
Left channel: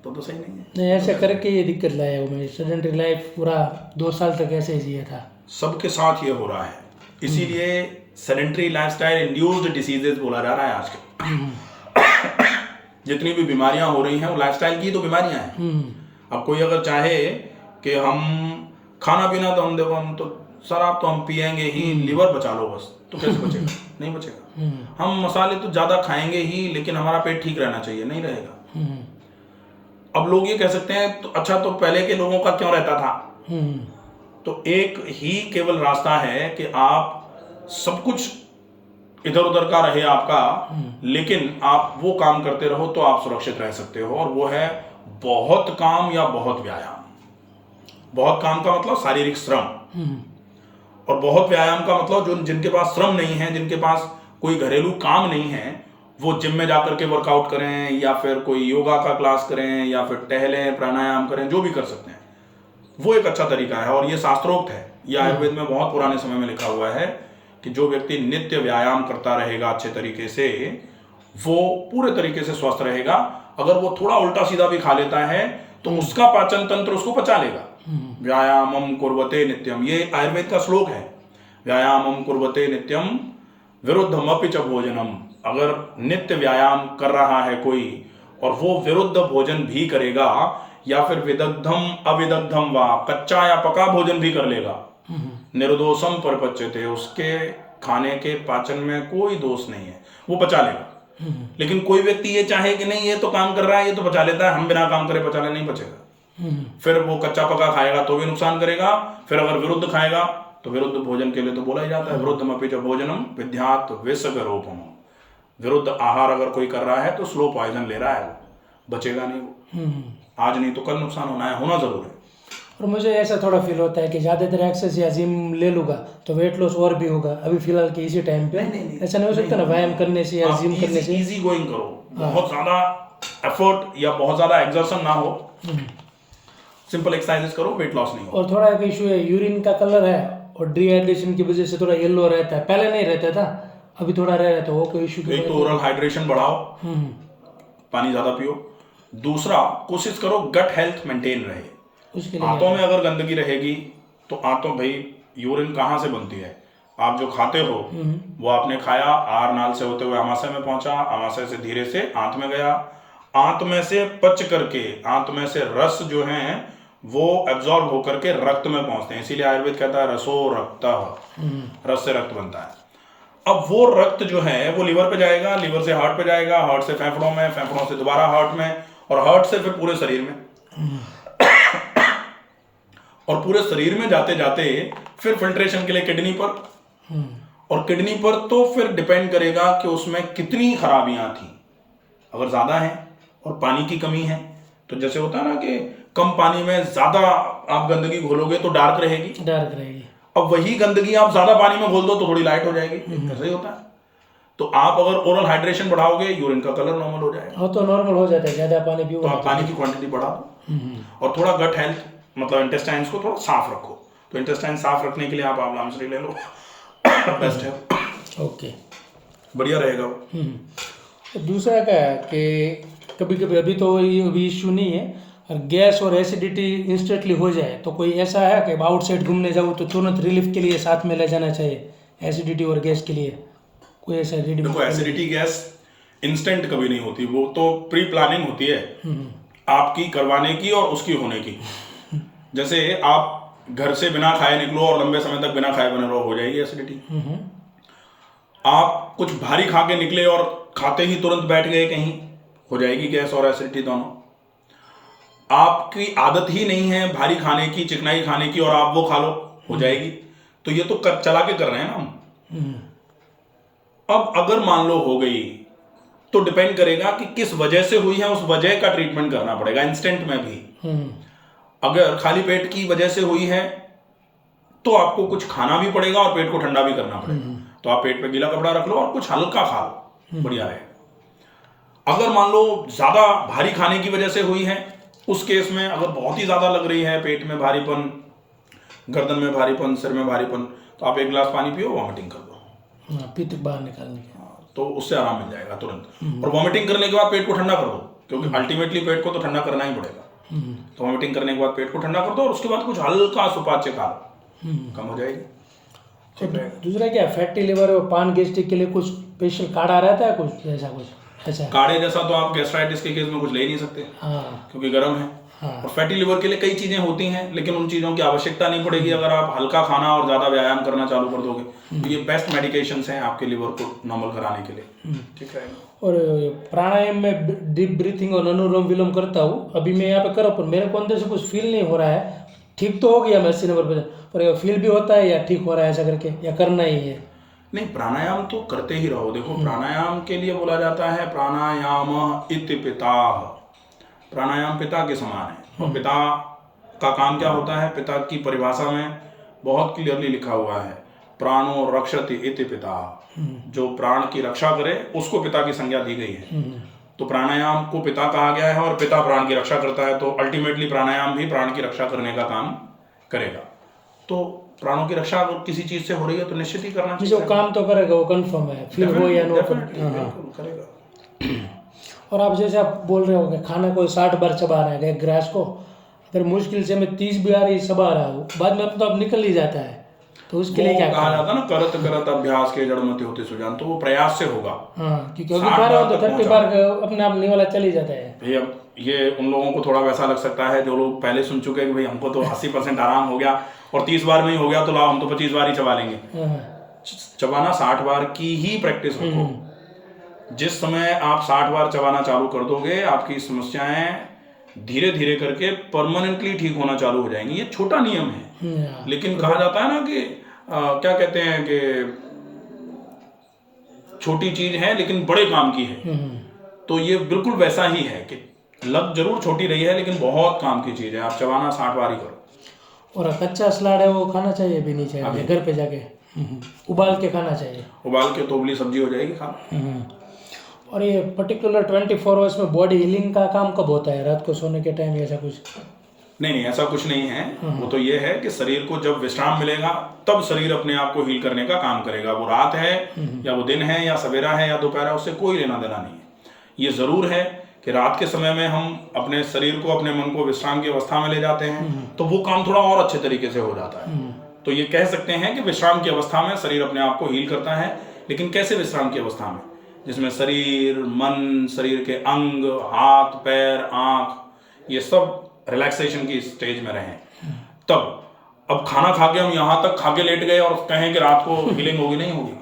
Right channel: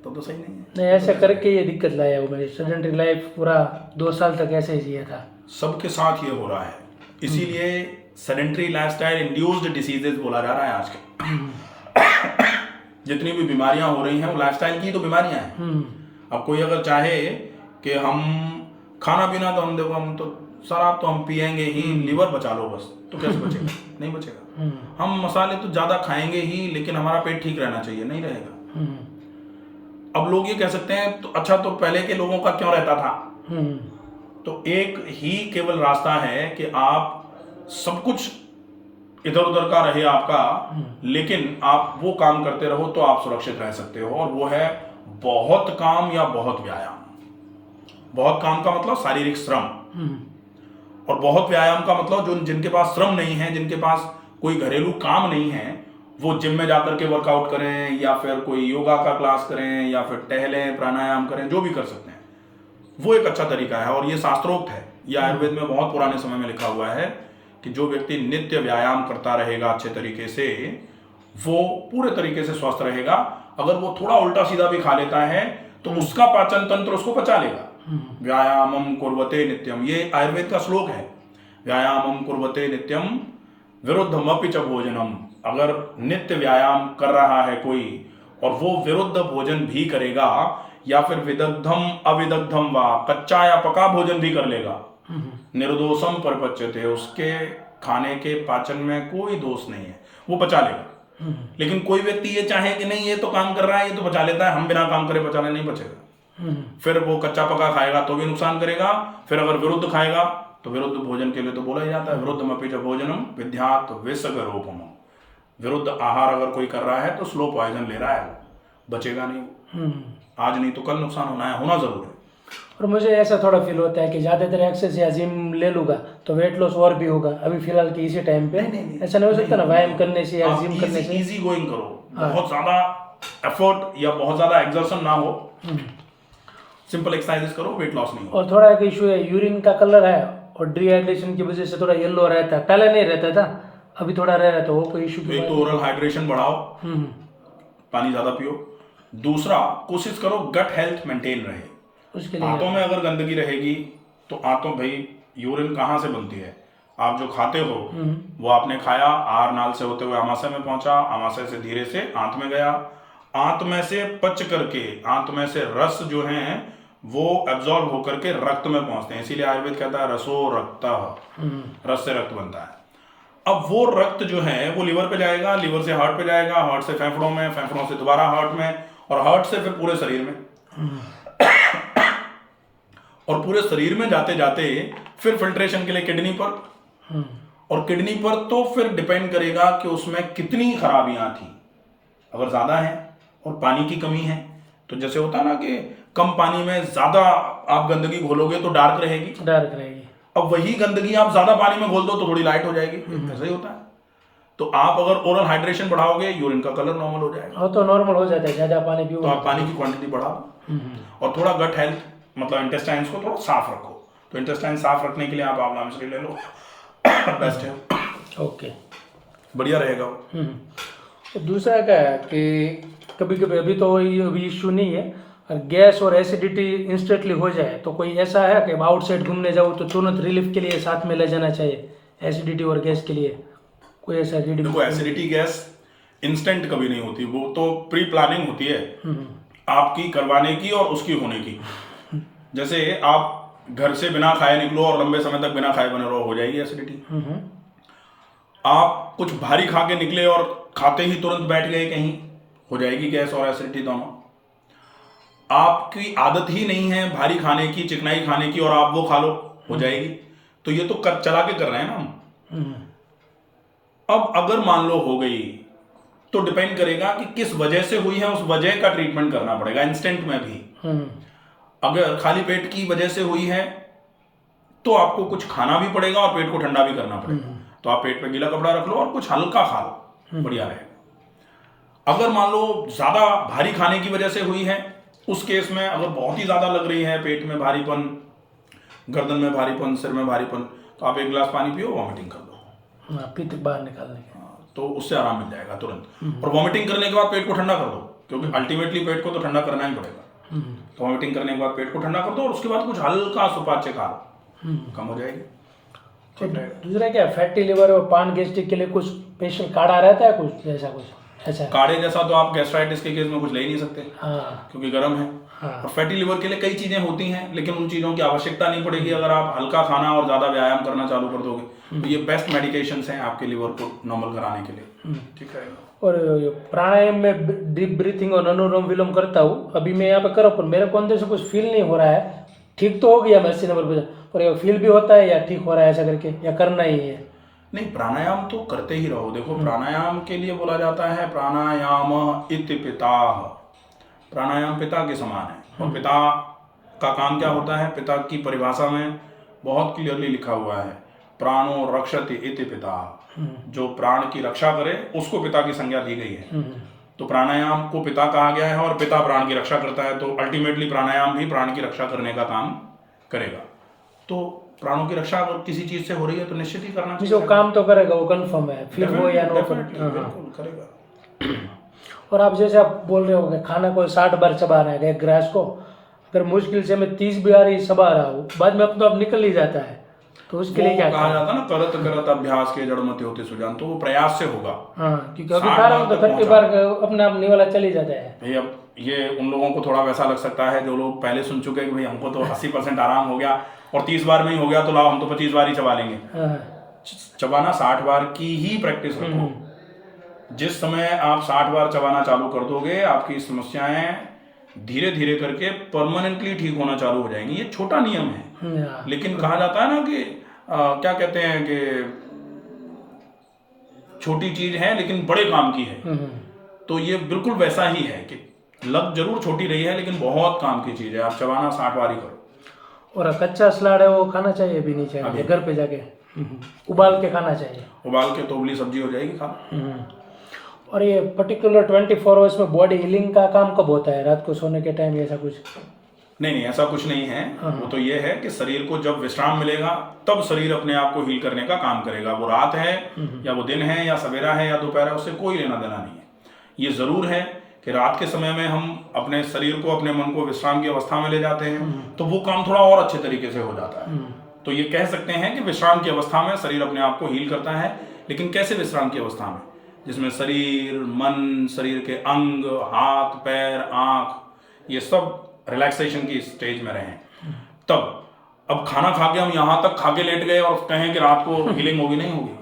तो सही नहीं है। नहीं, ऐसे करके ये दिक्कत लाया वो मेरी सेडेंटरी लाइफ, पूरा 2 साल तक ऐसे ही जिया था। सबके साथ ये हो रहा है, इसीलिए सेडेंटरी लाइफस्टाइल इंड्यूस्ड डिसीजेज बोला जा रहा है आजकल। जितनी भी बीमारियां हो रही हैं वो लाइफस्टाइल की तो बीमारियां हैं। अब कोई अगर चाहे कि हम खाना पीना तो हम देखो, हम तो शराब तो हम पिएंगे ही, लिवर बचा लो बस, तो कैसे बचेगा? नहीं बचेगा। हम मसाले तो ज़्यादा खाएंगे ही, लेकिन हमारा पेट ठीक रहना चाहिए, नहीं रहेगा। अब लोग ये कह सकते हैं तो अच्छा, तो पहले के लोगों का क्यों रहता था? तो एक ही केवल रास्ता है कि आप सब कुछ इधर उधर का रहे आपका, लेकिन आप वो काम करते रहो तो आप सुरक्षित रह सकते हो। और वो है बहुत काम या बहुत व्यायाम। बहुत काम का मतलब शारीरिक श्रम, और बहुत व्यायाम का मतलब जो जिनके पास श्रम नहीं है, जिनके पास कोई घरेलू काम नहीं है, वो जिम में जाकर के वर्कआउट करें या फिर कोई योगा का क्लास करें या फिर टहलें, प्राणायाम करें, जो भी कर सकते हैं, वो एक अच्छा तरीका है। और ये शास्त्रोक्त है, ये आयुर्वेद में बहुत पुराने समय में लिखा हुआ है कि जो व्यक्ति नित्य व्यायाम करता रहेगा अच्छे तरीके से, वो पूरे तरीके से स्वस्थ रहेगा। अगर वो थोड़ा उल्टा सीधा भी खा लेता है तो उसका पाचन तंत्र उसको पचा लेगा। व्यायामम कुर्वते नित्यम, ये आयुर्वेद का श्लोक है। व्यायामम कुर्वते नित्यम विरुद्धमपि च भोजनम। अगर नित्य व्यायाम कर रहा है कोई और वो विरुद्ध भोजन भी करेगा, या फिर विदग्धम अविदग्धम वा, कच्चा या पका भोजन भी कर लेगा, निर्दोषम परपच्यते, उसके खाने के पाचन में कोई दोष नहीं है, वो पचा लेगा। लेकिन कोई व्यक्ति ये चाहे कि नहीं ये तो काम कर रहा है, ये तो पचा लेता है, हम बिना काम करे पचा ले, नहीं बचेगा। फिर वो कच्चा पका खाएगा तो भी नुकसान करेगा। फिर अगर विरुद्ध खाएगा तो विरुद्ध भोजन के लिए तो बोला ही जाता है विरुद्धमपि च भोजनम विद्यात् विषगरोपम। विरुद्ध आहार अगर कोई कर रहा है तो स्लो पॉइजन ले रहा है, वो बचेगा नहीं वो। आज नहीं तो कल नुकसान होना है, होना जरूर है। और मुझे ऐसा थोड़ा फील होता है कि ज़्यादातर एक्सेस या जिम ले लूँगा तो वेट लॉस और भी होगा अभी फिलहाल के इसी टाइम पे। नहीं, ऐसा नहीं हो सकता ना व्यायाम करने से या आप जिम करने से? इजी गोइंग करो, बहुत ज्यादा एफर्ट या बहुत ज्यादा एग्जर्शन ना हो, सिंपल एक्सरसाइजेस करो, वेट लॉस नहीं हो। और थोड़ा एक इशू है, यूरिन का कलर है और डिहाइड्रेशन की वजह से थोड़ा येलो रहता है, पहले नहीं रहता था, अभी थोड़ा रह रहा है, तो वो कोई इशू? तो एक तो ओरल हाइड्रेशन बढ़ाओ, पानी ज्यादा पियो। दूसरा, कोशिश करो गट हेल्थ मेंटेन रहे। उसके लिए आंतों में अगर गंदगी रहेगी तो आंतों, भाई यूरिन कहाँ से बनती है? आप जो खाते हो वो आपने खाया, आहार नाल से होते हुए आमाशय में पहुंचा, आमाशय से धीरे से आंत में गया, आंत में से पच करके आंत में से रस जो है वो एब्जॉर्ब होकर के रक्त में पहुंचते हैं। इसीलिए आयुर्वेद कहता है रसो रक्त, रस से रक्त बनता है। अब वो रक्त जो है वो लिवर पे जाएगा, लिवर से हार्ट पे जाएगा, हार्ट से फेफड़ों में, फेफड़ों से दोबारा हार्ट में, और हार्ट से फिर पूरे शरीर में, और पूरे शरीर में जाते जाते फिर फिल्ट्रेशन के लिए किडनी पर, और किडनी पर तो फिर डिपेंड करेगा कि उसमें कितनी खराबियां थी। अगर ज्यादा है और पानी की कमी है तो जैसे होता है ना कि कम पानी में ज्यादा आप गंदगी घोलोगे तो डार्क रहेगी, डार्क रहेगी। अब वही गंदगी आप ज्यादा पानी में घोल दो तो थोड़ी लाइट हो जाएगी, ऐसा ही होता है। तो आप अगर ओरल हाइड्रेशन बढ़ाओगे, यूरिन का कलर नॉर्मल हो जाएगा। हाँ, तो नॉर्मल हो जाता है, ज्यादा पानी पियो तो आप पानी की क्वांटिटी बढ़ा दो, और थोड़ा गट हेल्थ मतलब इंटेस्टाइन्स को थोड़ा साफ रखो। तो इंटेस्टाइन साफ रखने के लिए आप आंवला मिश्री ले लो, बेस्ट है, ओके, बढ़िया रहेगा वो। दूसरा क्या है कि कभी कभी, अभी तो ये अभी इशू नहीं है, और गैस और एसिडिटी इंस्टेंटली हो जाए तो कोई ऐसा है कि आउटसाइड घूमने जाओ तो तुरंत रिलीफ के लिए साथ में ले जाना चाहिए एसिडिटी और गैस के लिए? कोई ऐसा रेडी? देखो, एसिडिटी गैस इंस्टेंट कभी नहीं होती, वो तो प्री प्लानिंग होती है आपकी करवाने की और उसकी होने की। जैसे आप घर से बिना खाए निकलो और लंबे समय तक बिना खाए बने रहो, हो जाएगी एसिडिटी। आप कुछ भारी खा के निकले और खाते ही तुरंत बैठ गए कहीं, हो जाएगी गैस और एसिडिटी दोनों। आपकी आदत ही नहीं है भारी खाने की, चिकनाई खाने की, और आप वो खा लो, हो जाएगी। तो ये तो चला के कर रहे हैं ना हम। अब अगर मान लो हो गई तो डिपेंड करेगा कि किस वजह से हुई है, उस वजह का ट्रीटमेंट करना पड़ेगा इंस्टेंट में भी। अगर खाली पेट की वजह से हुई है तो आपको कुछ खाना भी पड़ेगा और पेट को ठंडा भी करना पड़ेगा। तो आप पेट पे गीला कपड़ा रख लो और कुछ हल्का खा लो, बढ़िया रहेगा। अगर मान लो ज्यादा भारी खाने की वजह से हुई है, उस केस में अगर बहुत ही ज्यादा लग रही है, पेट में भारीपन, गर्दन में भारीपन, सिर में भारीपन, तो आप 1 गिलास पानी पियो, वॉमिटिंग कर दो, पित्त बाहर निकालने के। तो उससे आराम मिल जाएगा तुरंत। और वॉमिटिंग करने के बाद पेट को ठंडा कर दो, क्योंकि अल्टीमेटली पेट को तो ठंडा करना ही पड़ेगा। तो वॉमिटिंग करने के बाद पेट को ठंडा कर दो और उसके बाद कुछ हल्का सुपाच्य खा लो, कम हो जाएगी, ठीक रहेगा। दूसरा क्या, फैटी लिवर और पान गैस्ट्रिक के लिए कुछ स्पेशल काढ़ा रहता है, कुछ ऐसा? कुछ ऐसा काढ़े जैसा तो आप गैस्ट्राइटिस के केस में कुछ ले ही नहीं सकते, क्योंकि गर्म है। और फैटी लिवर के लिए कई चीजें होती हैं, लेकिन उन चीजों की आवश्यकता नहीं पड़ेगी अगर आप हल्का खाना और ज्यादा व्यायाम करना चालू कर दोगे। तो ये बेस्ट मेडिकेशंस हैं आपके लिवर को नॉर्मल कराने के लिए, ठीक रहेगा। और प्राणायाम में डीप ब्रीथिंग और अनुलोम विलोम करता हूँ, अभी मैं यहाँ पे कर रहा हूँ, पर मेरे को अंदर से कुछ फील नहीं हो रहा है। ठीक तो हो गया मैं 80 नंबर पर, पर ये फील भी होता है या ठीक हो रहा है ऐसा करके, या करना ही है? नहीं, प्राणायाम तो करते ही रहो। देखो, प्राणायाम के लिए बोला जाता है प्राणायाम इति पिताः, प्राणायाम पिता के समान है। और पिता का काम क्या होता है? पिता की परिभाषा में बहुत क्लियरली लिखा हुआ है, प्राणो रक्षति इति पिता, जो प्राण की रक्षा करे उसको पिता की संज्ञा दी गई है। तो प्राणायाम को पिता कहा गया है और पिता प्राण की रक्षा करता है, तो अल्टीमेटली प्राणायाम भी प्राण की रक्षा करने का काम करेगा। तो प्राणों की रक्षा अगर किसी चीज से हो रही है तो निश्चित ही करना चाहिए। जो काम तो करेगा वो कंफर्म है, फिर वो या नो बिल्कुल करेगा। और आप जैसे आप बोल रहे हो कि खाना को 60 बार चबा रहा है एक ग्रास को, अगर मुश्किल से मैं 30 बार ही चबा रहा हूँ, बाद में अब तो अब निकल ही जाता है, तो उसके लिए क्या कहा जाता है ना, करत करत अभ्यास के जड़ मत होते सुजान, तो वो प्रयास से होगा। क्योंकि अभी खा रहा हो तो 30 बार अपने आप निवाला चल ही जाता है। भाई अब ये उन लोगों को थोड़ा वैसा लग सकता है जो लोग पहले सुन चुके हैं कि भाई हमको तो 80% आराम हो गया और 30 बार में ही हो गया, तो लाओ हम तो 25 बार ही चबा लेंगे। चबाना 60 बार की ही प्रैक्टिस रखो। जिस समय आप 60 बार चबाना चालू कर दोगे, आपकी समस्याएं धीरे धीरे करके परमानेंटली ठीक होना चालू हो जाएंगी। ये छोटा नियम है, लेकिन कहा जाता है ना कि क्या कहते हैं कि छोटी चीज है लेकिन बड़े काम की है। तो ये बिल्कुल वैसा ही है कि लग जरूर छोटी रही है लेकिन बहुत काम की चीज़ है। आप चबाना 60 बार ही करो। और कच्चा सलाद है वो खाना चाहिए भी नहीं चाहिए घर पे जाके? उबाल के खाना चाहिए। उबाल के तो उबली सब्जी हो जाएगी खा। और ये पर्टिकुलर 24 आवर्स में बॉडी हीलिंग का काम कब होता है? रात को सोने के टाइम ऐसा कुछ? नहीं, ऐसा कुछ नहीं है। वो तो ये है कि शरीर को जब विश्राम मिलेगा तब शरीर अपने आप को हील करने का काम करेगा। वो रात है या वो दिन है या सवेरा है या दोपहर है, उससे कोई लेना देना नहीं है। ये ज़रूर है कि रात के समय में हम अपने शरीर को, अपने मन को विश्राम की अवस्था में ले जाते हैं तो वो काम थोड़ा और अच्छे तरीके से हो जाता है। तो ये कह सकते हैं कि विश्राम की अवस्था में शरीर अपने आप को हील करता है। लेकिन कैसे विश्राम की अवस्था में? जिसमें शरीर, मन, शरीर के अंग, हाथ, पैर, आँख, ये सब रिलैक्सेशन की स्टेज में रहें तब। अब खाना खा के हम यहाँ तक खा के लेट गए और कहें कि रात को हीलिंग होगी, नहीं होगी।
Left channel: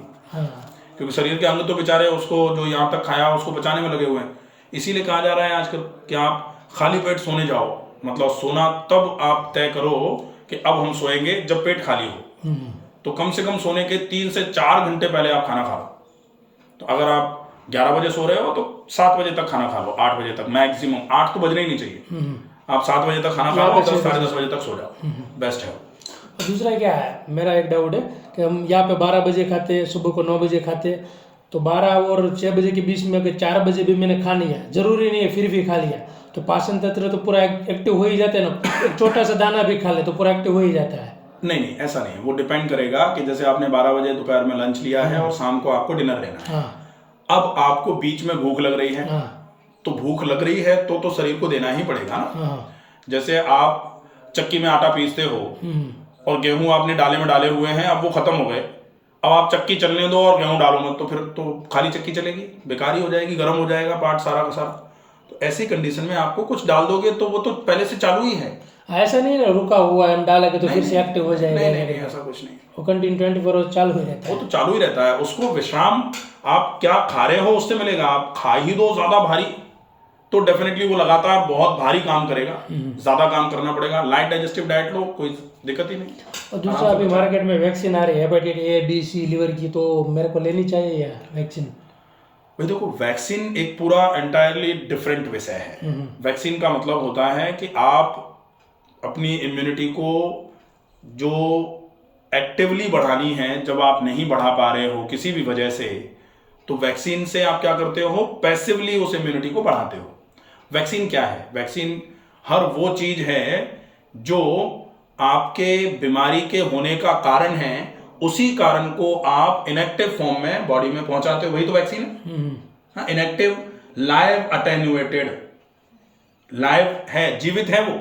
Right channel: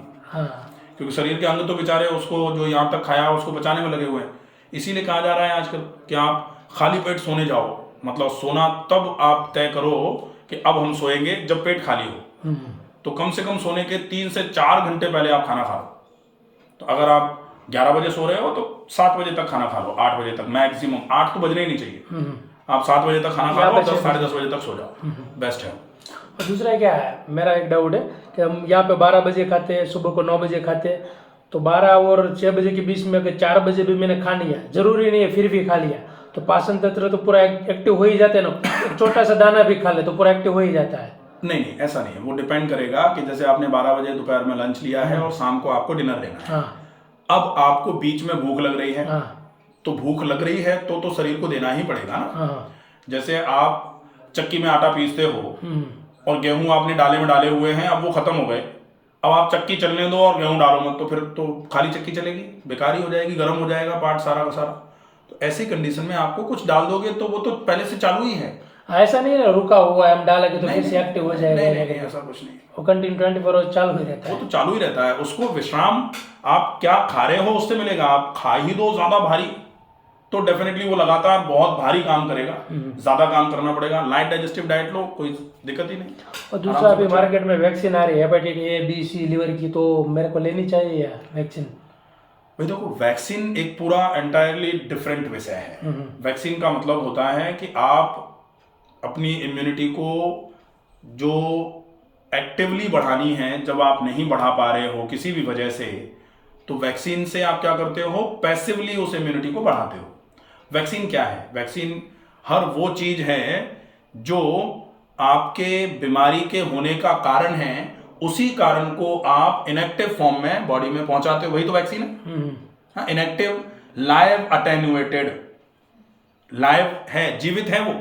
क्योंकि शरीर के अंग तो बेचारे उसको जो यहाँ तक खाया उसको बचाने में लगे हुए हैं। इसीलिए कहा जा रहा है आजकल कि आप खाली पेट सोने जाओ। मतलब सोना तब आप तय करो कि अब हम सोएंगे जब पेट खाली हो। तो कम से कम सोने के 3 से 4 घंटे पहले आप खाना खा लो। तो अगर आप 11 बजे सो रहे हो तो 7 बजे तक खाना खा लो, 8 बजे तक मैक्सिमम। 8 तो बजने ही नहीं चाहिए। आप 7 बजे तक खाना खा लो, 10 साढ़े 10 बजे तक सो जाओ, बेस्ट है। दूसरा क्या है, मेरा एक डाउट है कि हम यहाँ पे 12 बजे खाते हैं, सुबह को 9 बजे खाते हैं, तो 12 और 6 बजे के बीच में अगर 4 बजे भी मैंने खा लिया, जरूरी नहीं है फिर भी खा लिया, तो पाचन तंत्र तो पूरा एक्टिव हो ही जाते हैं ना। एक छोटा सा दाना भी खा ले तो पूरा एक्टिव हो ही जाता है। नहीं, ऐसा नहीं है। वो डिपेंड करेगा कि जैसे आपने 12 बजे दोपहर में लंच लिया है और शाम को आपको डिनर लेना है। अब आपको बीच में भूख लग रही है, तो भूख लग रही है तो शरीर को देना ही पड़ेगा ना। जैसे आप चक्की में आटा पीसते हो और गेहूं आपने डाले में डाले हुए हैं, अब वो खत्म हो गए, अब आप चक्की चलने दो और गेहूं डालो मत, तो फिर तो खाली चक्की चलेगी, बेकार ही हो जाएगी, गर्म हो जाएगा पार्ट सारा का सारा। तो ऐसी कंडीशन में आपको कुछ डाल दोगे तो वो तो पहले से चालू ही है। ऐसा नहीं है रुका हुआ है, हम डाला कि तो फिर से एक्टिव हो जाएगा। नहीं, ऐसा कुछ नहीं। वो कंटिन्यू 24 आवर्स चालू ही रहता है। वो तो चालू ही रहता है। उसको विश्राम आप क्या खा रहे हो उससे मिलेगा। आप खा ही दो ज्यादा भारी तो डेफिनेटली वो लगातार बहुत भारी काम करेगा, ज्यादा काम करना पड़ेगा। लाइट डाइजेस्टिव डाइट लो, कोई दिक्कत ही नहीं। और दूसरा अभी मार्केट में वैक्सीन आ रही है hepatitis A, B, C, liver की, तो मेरे को लेनी चाहिए यार वैक्सीन? भाई देखो, वैक्सीन एक पूरा एंटायरली डिफरेंट विषय है। वैक्सीन का मतलब होता है कि आप अपनी इम्यूनिटी को जो एक्टिवली बढ़ानी है, जब आप नहीं बढ़ा पा रहे हो किसी भी वजह से, तो वैक्सीन से आप क्या करते हो, पैसिवली उस इम्यूनिटी को बढ़ाते हो। वैक्सीन क्या है? वैक्सीन हर वो चीज है जो आपके बीमारी के होने का कारण है, उसी कारण को आप इनएक्टिव फॉर्म में बॉडी में पहुंचाते हो, वही तो वैक्सीन है। Inactive, live attenuated. लाइव है, जीवित है वो,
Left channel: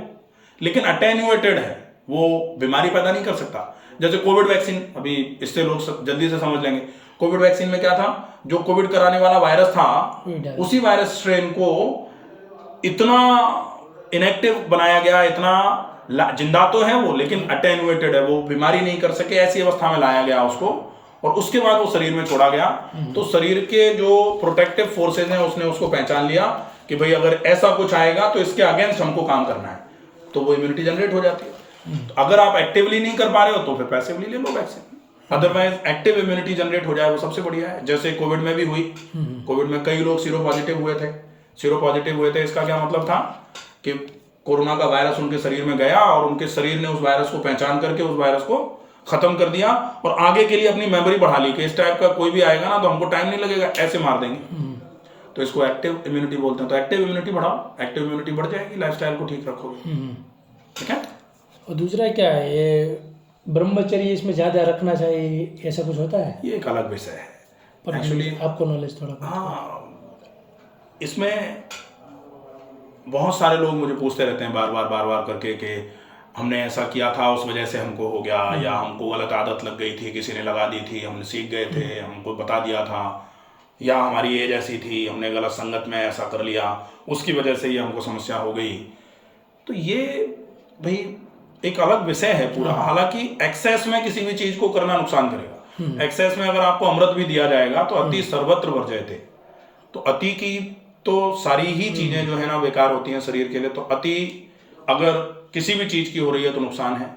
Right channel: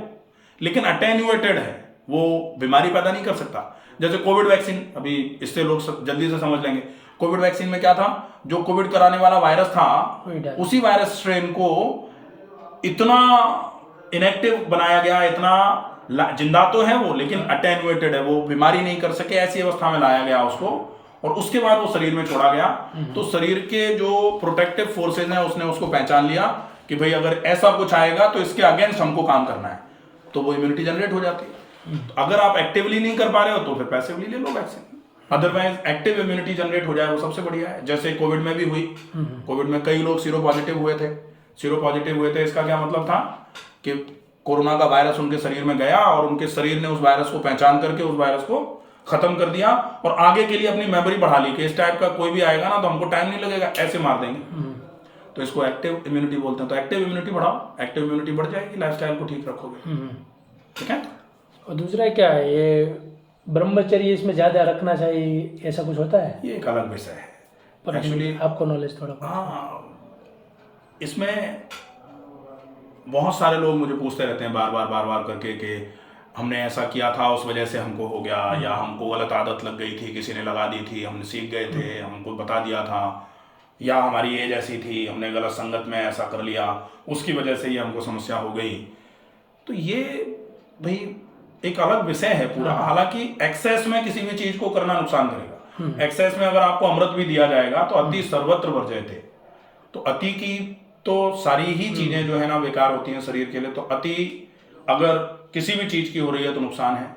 लेकिन अटेन्यूएटेड है, वो बीमारी पैदा नहीं कर सकता। जैसे कोविड वैक्सीन, अभी इससे लोग जल्दी से समझ लेंगे। कोविड वैक्सीन में क्या था, जो कोविड कराने वाला वायरस था, उसी वायरस स्ट्रेन को इतना इनएक्टिव बनाया गया, इतना जिंदा तो है वो लेकिन अटेन्यूएटेड है, वो बीमारी नहीं कर सके, ऐसी अवस्था में लाया गया उसको, और उसके बाद वो शरीर में छोड़ा गया। तो शरीर के जो प्रोटेक्टिव फोर्सेज हैं उसने उसको पहचान लिया कि भाई अगर ऐसा कुछ आएगा तो इसके अगेंस्ट हमको काम करना है, तो वो इम्यूनिटी जनरेट हो जाती है। तो अगर आप एक्टिवली नहीं कर पा रहे हो तो फिर पैसिवली ले लो vaccine. Otherwise active immunity generate हो जाए वो सबसे बढ़िया है। जैसे कोविड में भी हुई, कोविड में कई लोग सीरो पॉजिटिव हुए थे। सीरो पॉजिटिव हुए थे, इसका क्या मतलब था कि कोरोना का वायरस उनके शरीर में गया और उनके शरीर ने उस वायरस को पहचान करके उस वायरस को खत्म कर दिया और आगे के लिए अपनी मेमोरी बढ़ा ली कि इस टाइप का कोई भी आएगा ना तो हमको टाइम नहीं लगेगा, ऐसे मार देंगे। तो इसको एक्टिव इम्यूनिटी बोलते हैं। तो एक्टिव इम्यूनिटी बढ़ाओ, एक्टिव इम्यूनिटी बढ़ जाएगी, लाइफस्टाइल को ठीक रखोगे। ठीक है। और दूसरा क्या है, ये ब्रह्मचर्य इसमें ज्यादा रखना चाहिए, ऐसा कुछ होता है? ये एक अलग विषय है एक्चुअली, आपको नॉलेज थोड़ा। हाँ, इसमें बहुत सारे लोग मुझे पूछते रहते हैं बार बार करके कि हमने ऐसा किया था उस वजह से हमको हो गया, या हमको गलत आदत लग गई थी, किसी ने लगा दी थी, हमने सीख गए थे, हमको बता दिया था, या हमारी एज ऐसी थी, हमने गलत संगत में ऐसा कर लिया, उसकी वजह से ये हमको समस्या हो गई। तो ये भाई एक अलग विषय है पूरा। हालांकि एक्सेस में किसी भी चीज को करना नुकसान करेगा। एक्सेस में अगर आपको अमृत भी दिया जाएगा तो अति सर्वत्र वर्जयते, तो अति की तो सारी ही चीजें जो है ना बेकार होती हैं शरीर के लिए। तो अति अगर किसी भी चीज की हो रही है तो नुकसान है,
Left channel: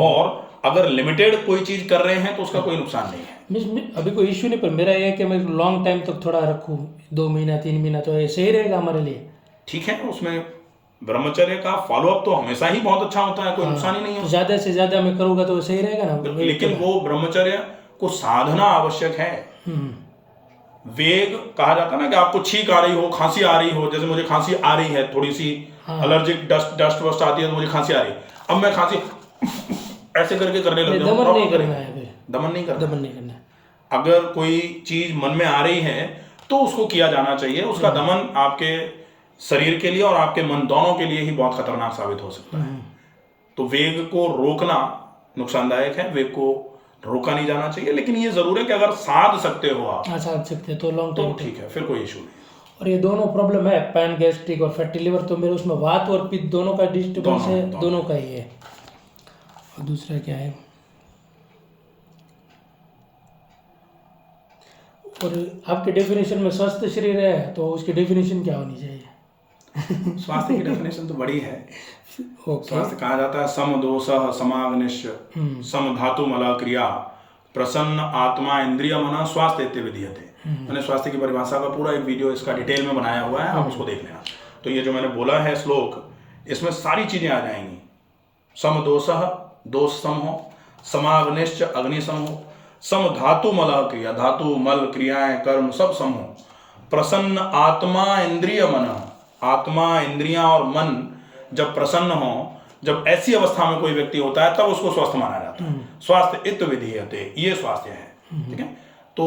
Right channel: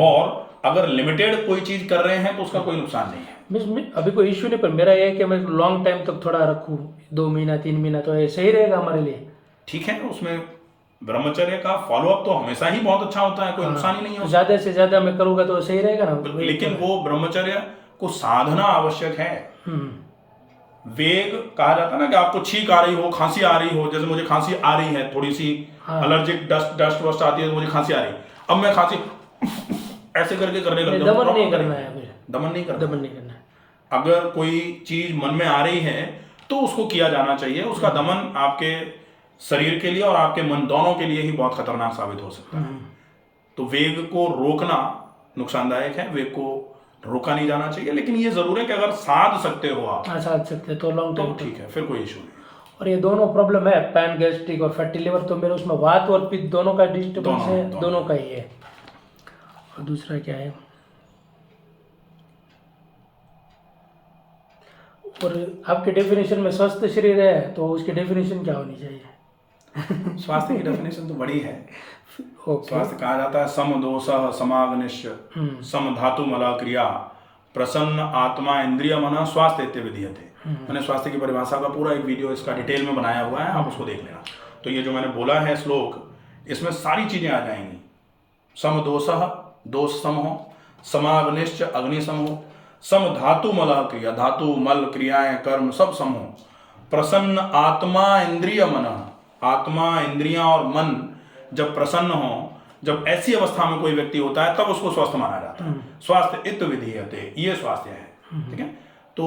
और अगर लिमिटेड कोई चीज कर रहे हैं तो उसका कोई नुकसान नहीं है। अभी कोई इश्यू नहीं, पर मेरा ये है कि मैं लॉन्ग टाइम तक थोड़ा रखूं, 2 महीना 3 महीना, तो ये सही रहेगा हमारे लिए? ठीक है, उसमें ब्रह्मचर्य का फॉलोअप तो हमेशा ही बहुत अच्छा होता है, कोई नुकसान ही नहीं तो है। ज़्यादा से ज़्यादा मैं करूँगा तो सही रहेगा ना। लेकिन वो ब्रह्मचर्य को साधना आवश्यक है। हम्म, वेग कहा जाता है ना कि आपको छींक आ रही हो, खांसी आ रही हो, जैसे मुझे खांसी आ रही है, थोड़ी सी एलर्जिक डस्ट वस्ट आती है तो मुझे खांसी आ रही है, अब मैं खांसी ऐसे करके करने लग जाऊँ, दमन नहीं करना है फिर, दमन नहीं करना। दमन नहीं करना है। अगर कोई चीज मन में आ रही है तो उसको किया जाना चाहिए। उसका दमन आपके शरीर के लिए और आपके मन दोनों के लिए ही बहुत खतरनाक साबित हो सकता है। तो वेग को रोकना नुकसानदायक है, वेग को रोका नहीं जाना चाहिए। लेकिन ये जरूर है कि अगर साध सकते हो आप हाँ, साध सकते हैं तो लॉन्ग तो टाइम। ठीक है, फिर कोई इशू नहीं। और ये दोनों प्रॉब्लम है, पैन गैस्ट्रिक और फैटी लिवर, तो मेरे उसमें वात और पित्त दोनों का डिस्टर्बेंस है, दोनों का ही है। और दूसरा क्या है, और आपके डेफिनेशन में स्वस्थ शरीर है तो उसकी डेफिनेशन क्या होनी चाहिए? स्वास्थ्य की डेफिनेशन तो बड़ी है। ओके। स्वास्थ्य कहा जाता है सम दोषः समाग्निश्च सम धातु मल क्रिया प्रसन्न आत्मा इंद्रिय मन स्वास्थ्य इत्य विधीयते। मैंने स्वास्थ्य की परिभाषा का पूरा एक वीडियो इसका डिटेल में बनाया हुआ है, आप उसको देख लेना। तो ये जो मैंने बोला है श्लोक, इसमें सारी चीजें आ जाएंगी। सम दोषः, दोष सम हो, समाग्निश्च अग्नि सम हो, सम धातु मल क्रिया, धातु मल क्रियाएं कर्म सब सम हो, प्रसन्न आत्मा इंद्रिय मन, आत्मा इंद्रियां और मन जब प्रसन्न हो, जब ऐसी अवस्था में कोई व्यक्ति होता है तब उसको स्वस्थ माना जाता है। स्वास्थ्य इत्य विधीयते, ये स्वास्थ्य है। ठीक है, तो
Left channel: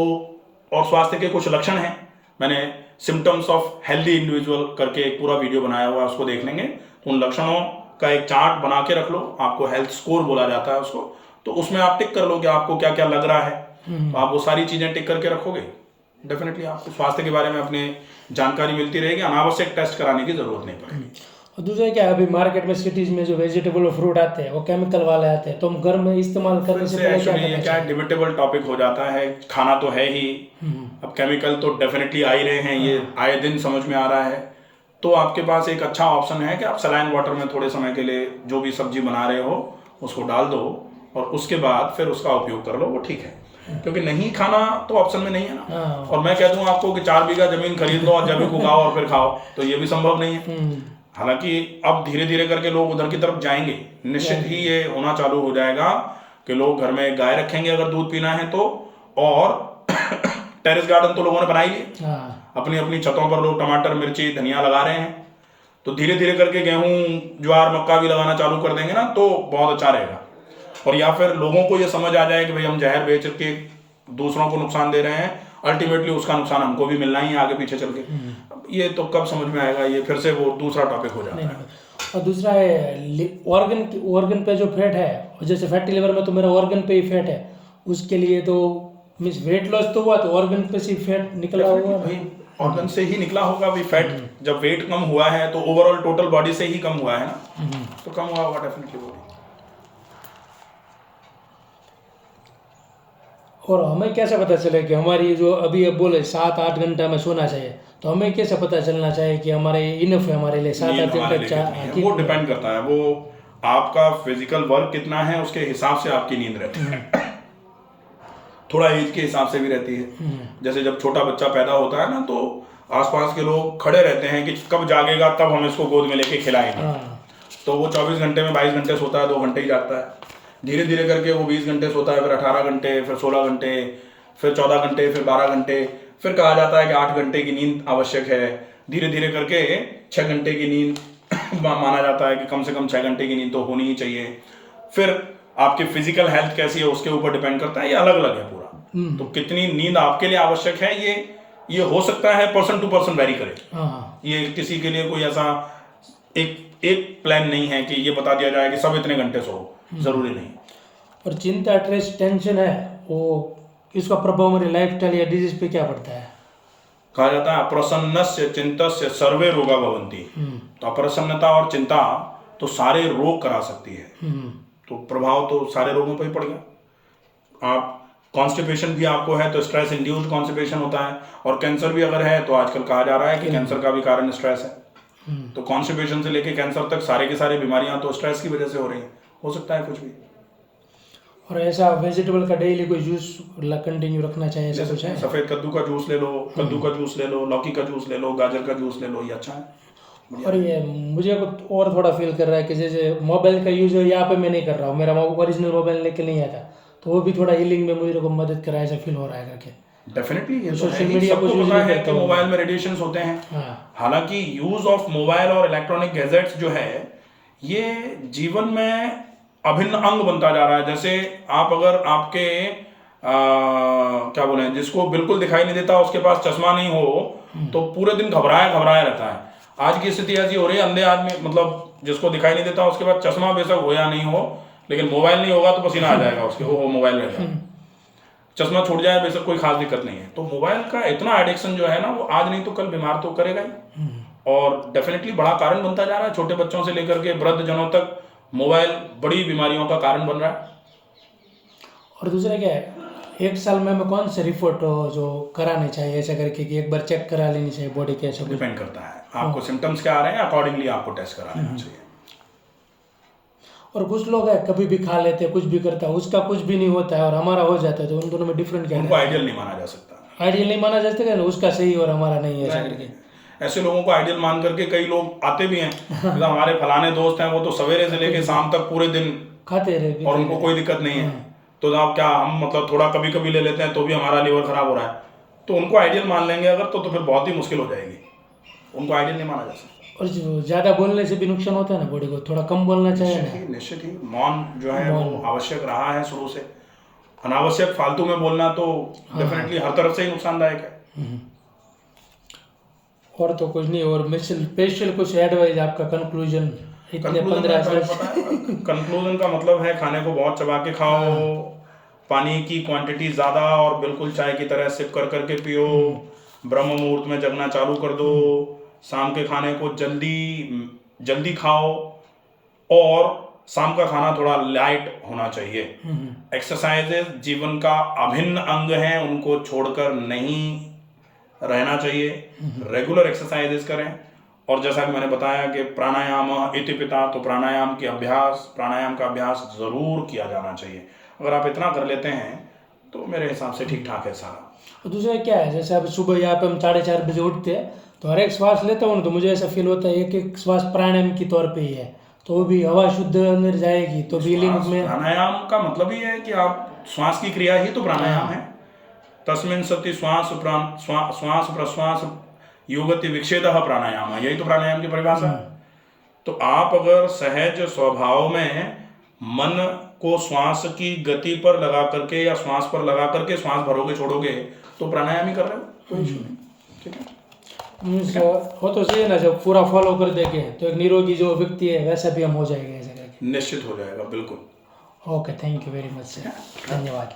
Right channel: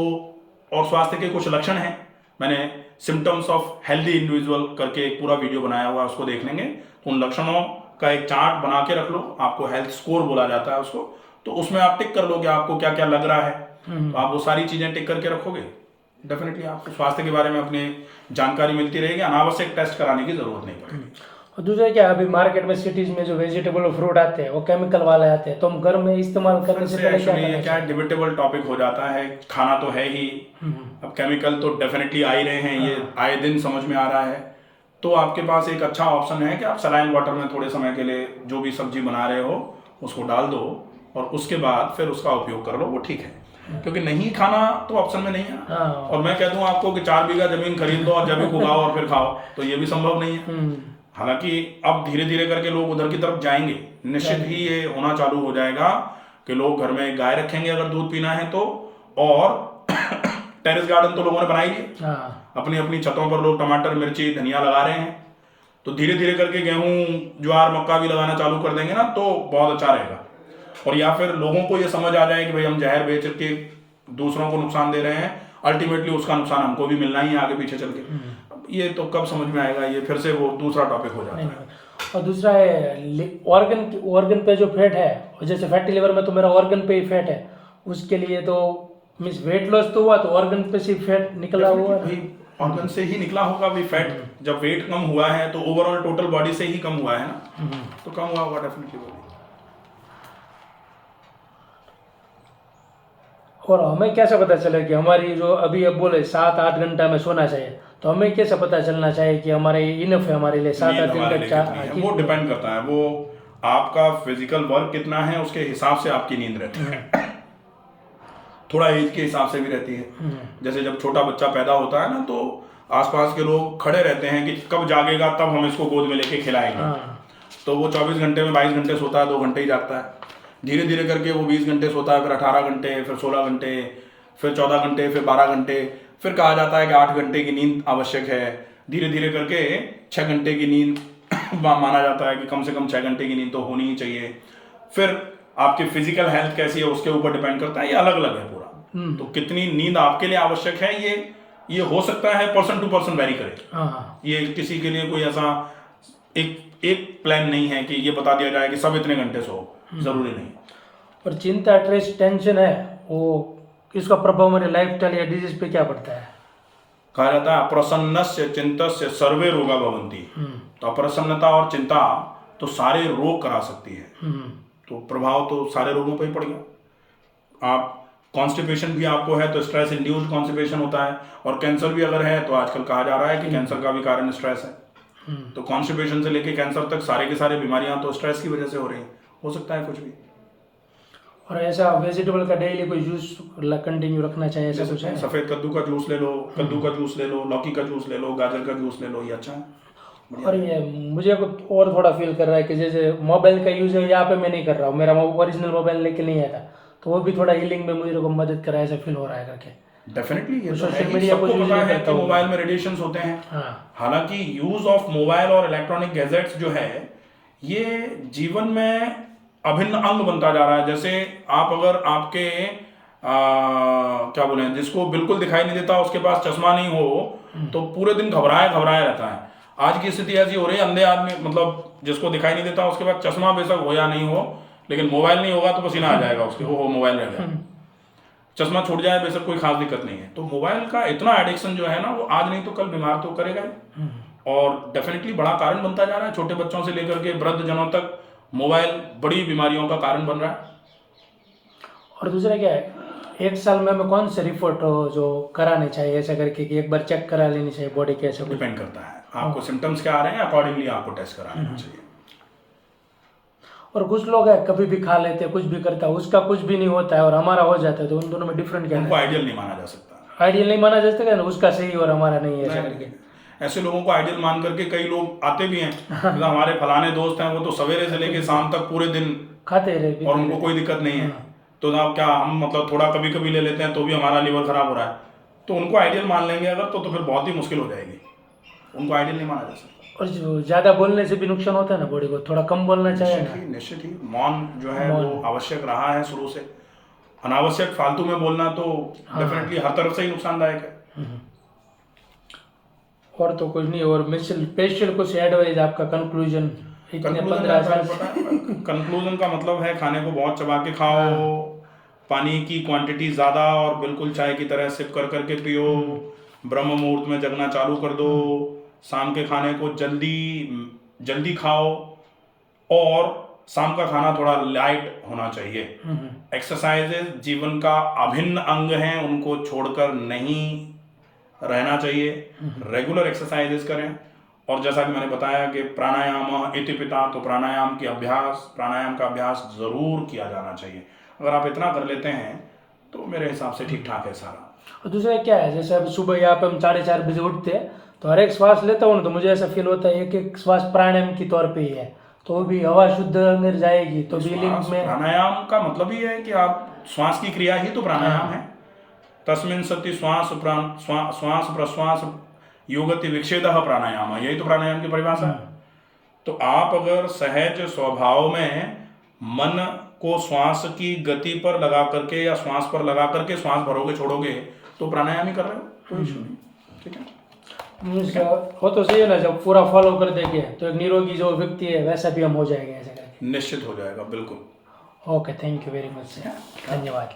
और स्वास्थ्य के कुछ लक्षण हैं, मैंने सिम्टम्स ऑफ हेल्दी इंडिविजुअल करके एक पूरा वीडियो बनाया हुआ है, उसको देख लेंगे। तो उन लक्षणों का एक चार्ट बना के रख लो, आपको हेल्थ स्कोर बोला जाता है उसको, तो उसमें आप टिक कर लो कि आपको क्या क्या लग रहा है। तो आप वो सारी चीजें टिक करके रखोगे, डेफिनेटली आपको स्वास्थ्य के बारे में अपने जानकारी मिलती रहेगी, अनावश्यक टेस्ट कराने की जरूरत नहीं पड़ेगी। और दूसरा क्या, अभी मार्केट में सिटीज में जो वेजिटेबल और फ्रूट आते हैं वो केमिकल वाले आते हैं, तो हम घर में इस्तेमाल करने से पहले एक्चुअली ये क्या है, डिबेटेबल टॉपिक हो जाता है। खाना तो है ही, अब केमिकल तो डेफिनेटली आ ही रहे हैं, ये आए दिन समझ में आ रहा है। तो आपके पास एक अच्छा ऑप्शन है कि आप सलाइन वाटर में थोड़े समय के लिए जो भी सब्जी बना रहे हो उसको डाल दो और उसके बाद फिर उसका उपयोग कर लो, वो ठीक है। क्योंकि नहीं खाना तो ऑप्शन में नहीं है ना। और मैं कह दूं आपको कि 4 बीघा जमीन खरीद लो और जैविक उगाओ और फिर खाओ, तो ये भी संभव नहीं है। हालांकि अब धीरे धीरे करके लोग उधर की तरफ जाएंगे, निश्चित ही ये होना चालू हो जाएगा कि लोग घर में गाय रखेंगे अगर दूध पीना है तो, और टेरेस गार्डन तो लोगों ने बनाई है, अपनी अपनी छतों पर लोग टमाटर मिर्ची धनिया लगा रहे हैं। तो धीरे धीरे करके गेहूं ज्वार मक्का भी लगाना चालू कर देंगे ना, तो बहुत अच्छा रहेगा। और या फिर लोगों को ये समझ आ जाए कि भाई हम जहर बेच के दूसरों को नुकसान दे रहे हैं, अल्टीमेटली उसका नुकसान हमको भी मिलना ही है आगे पीछे चल के। ये तो कब समझ में आएगा, ये फिर से वो दूसरा टॉपिक हो जाता है। और दूसरा है ऑर्गन पे जो फैट है, जैसे फैटी लिवर में तो मेरा ऑर्गन पे ही फैट है, उसके लिए तो मीन्स वेट लॉस तो हुआ तो ऑर्गन पे से फैट निकला होगा भाई, ऑर्गन से ही निकला होगा भाई फैट। जब वेट कम हुआ है तो ओवरऑल टोटल बॉडी से ही कम हुआ है ना, तो कम हुआ होगा डेफिनेटली वो भी। और हमें कैसे पता चले कि हमारी जो अभी अब बोले 7-8 घंटा में सोना चाहिए, तो हमें कैसे पता चलना चाहिए कि हमारे इनफ है हमारे लिए 7-8 घंटे? वो डिपेंड करता है, वो आपका फिजिकल वर्क कितना है उसके हिसाब से आपकी नींद रहती है। थोड़ा एज के हिसाब से भी रहती है। जैसे जब छोटा बच्चा पैदा होता है ना, तो आसपास के लोग खड़े रहते हैं कि कब जागेगा तब हम इसको गोद में लेके खिलाएंगे। तो वो 24 घंटे में 22 घंटे सोता है, 2 घंटे ही जागता है। धीरे धीरे करके वो 20 घंटे सोता है, फिर 18 घंटे, फिर 16 घंटे, फिर 14 घंटे, फिर 12 घंटे, फिर कहा जाता है कि 8 घंटे की नींद आवश्यक है। धीरे धीरे करके 6 घंटे की नींद माना जाता है कि कम से कम 6 घंटे की नींद तो होनी ही चाहिए। फिर आपकी फिजिकल हेल्थ कैसी है उसके ऊपर डिपेंड करता है, ये अलग अलग है पूरा। तो कितनी नींद आपके लिए आवश्यक है, ये हो सकता है पर्सन टू पर्सन वेरी करे। ये किसी के लिए कोई ऐसा एक प्लान नहीं है कि ये बता दिया जाए कि सब इतने घंटे सो, जरूरी नहीं। और चिंता, स्ट्रेस, टेंशन है, वो इसका प्रभाव हमारे लाइफस्टाइल या डिजीज पे क्या पड़ता है? कहा जाता है अप्रसन्नस्य चिंतस्य सर्वे रोगा भवन्ति। तो अप्रसन्नता और चिंता तो सारे रोग करा सकती है। तो प्रभाव तो सारे रोगों पर ही पड़ गया। आप कॉन्स्टिपेशन भी आपको है तो स्ट्रेस इंड्यूस्ड कॉन्स्टिपेशन होता है, और कैंसर भी अगर है तो आजकल कहा जा रहा है कि कैंसर का भी कारण स्ट्रेस है। तो कॉन्स्टिपेशन से लेके कैंसर तक सारे की सारी बीमारियां तो स्ट्रेस की वजह से हो रही हैं। हो सकता है कुछ भी। और ऐसा वेजिटेबल का डेली कोई जूस कंटिन्यू रखना चाहिए, ऐसा कुछ है? सफेद कद्दू का जूस ले लो, कद्दू का जूस ले लो, लौकी का जूस ले लो, गाजर का जूस ले लो, ये अच्छा है। और ये मुझे कुछ और थोड़ा फील कर रहा है कि जैसे मोबाइल का यूज़ है यहाँ पे मैं नहीं कर रहा हूँ, मेरा ओरिजिनल मोबाइल लेके नहीं आया था, तो वो भी थोड़ा हीलिंग में मुझे को मदद करा ऐसा फील हो रहा है करके। डेफिनेटली ये तो है सोशल ही, मीडिया सबको कुछ पता यूज नहीं है कि करता हूँ। मोबाइल में रेडिएशंस होते हैं। हाँ हालांकि यूज ऑफ मोबाइल और इलेक्ट्रॉनिक गैजेट्स जो है ये जीवन में अभिन्न अंग बनता जा रहा है। जैसे आप अगर आपके क्या बोले, जिसको बिल्कुल दिखाई नहीं देता, उसके पास चश्मा नहीं हो तो पूरे दिन घबराया घबराया रहता है। आज की स्थिति ऐसी हो रही है, अंधे आदमी मतलब जिसको दिखाई नहीं देता उसके पास चश्मा बेशक हो या नहीं हो, लेकिन मोबाइल नहीं होगा तो पसीना आ जाएगा उसके, वो मोबाइल रह गया। चश्मा छूट जाए बेशक कोई खास दिक्कत नहीं है। तो मोबाइल का इतना एडिक्शन जो है ना, वो आज नहीं तो कल बीमार तो करेगा ही, और डेफिनेटली बड़ा कारण बनता जा रहा है। छोटे बच्चों से लेकर के वृद्ध जनों तक मोबाइल बड़ी बीमारियों का कारण बन रहा है। और दूसरा क्या है, एक साल में हमें कौन से रिपोर्ट जो कराने चाहिए ऐसा करके कि एक बार चेक करा लेनी चाहिए बॉडी कैसे? डिपेंड करता है आपको सिम्टम्स क्या आ रहे हैं, अकॉर्डिंगली आपको टेस्ट करा लेना चाहिए। और कुछ लोग है कभी भी खा लेते हैं, कुछ भी करता है, उसका कुछ भी नहीं होता है और हमारा हो जाता है, तो उन दोनों में डिफरेंट क्या उनको आइडियल नहीं माना जा सकता। आइडियल नहीं माना जा सकता ना, उसका सही और हमारा नहीं है ऐसा करके। ऐसे लोगों को आइडियल मान करके कई लोग आते भी हैं, मतलब हमारे फलाने दोस्त हैं वो तो सवेरे से लेके शाम तक पूरे दिन खाते रहे और उनको कोई दिक्कत नहीं है, तो आप क्या हम मतलब थोड़ा कभी कभी ले लेते हैं तो भी हमारा लिवर खराब हो रहा है, तो उनको आइडियल मान लेंगे अगर तो फिर बहुत ही मुश्किल हो जाएगी। उनको आइडियल नहीं माना जा सकता। और जो ज़्यादा बोलने से भी नुकसान होता है ना बॉडी को, थोड़ा कम बोलना चाहिए। निश्चित ही मौन जो है वो आवश्यक रहा है शुरू से। अनावश्यक फालतू में बोलना तो डेफिनेटली हर तरफ से ही नुकसानदायक है। और तो कुछ नहीं, और स्पेशल कुछ एडवाइस आपका कंक्लूजन? कंक्लूजन का मतलब है खाने को बहुत चबा के खाओ, पानी की क्वांटिटी ज़्यादा और बिल्कुल चाय की तरह सिप कर करके पियो, ब्रह्म मुहूर्त में जगना चालू कर दो, शाम के खाने को जल्दी खाओ और शाम का खाना थोड़ा लाइट होना चाहिए। एक्सरसाइजेज जीवन का अभिन्न अंग हैं, उनको छोड़कर नहीं रहना चाहिए। रेगुलर एक्सरसाइजेज करें, और जैसा कि मैंने बताया कि प्राणायाम इति पिता, तो प्राणायाम का अभ्यास ज़रूर किया जाना चाहिए। अगर आप इतना कर लेते हैं तो मेरे हिसाब से ठीक ठाक है सारा। और दूसरा क्या है, जैसे अब सुबह यहाँ पे हम 4:30 बजे उठते हैं, तो हर एक श्वास लेता हूँ तो मुझे ऐसा फील होता है एक एक श्वास प्राणायाम की तौर पे ही है, तो वो भी हवा शुद्ध अंदर जाएगी तो फीलिंग में। प्राणायाम का मतलब ही है कि आप श्वास की क्रिया ही तो प्राणायाम है। तस्मिन् सति श्वास प्रश्वास योगति विक्षेदः प्राणायाम, यही तो प्राणायाम की परिभाषा है। तो आप अगर सहज स्वभाव में मन को श्वास की गति पर लगा करके या श्वास पर लगा करके श्वास भरोगे छोड़ोगे तो प्राणायाम ही कर रहे हो, कोई इशू नहीं। ठीक है, वो तो सही है ना, जब पूरा फॉलो कर देंगे तो एक निरोगी जो व्यक्ति है वैसा भी हम हो जाएंगे ऐसे करके। निश्चित हो जाएगा, बिल्कुल। Okay, thank you very much sir, धन्यवाद।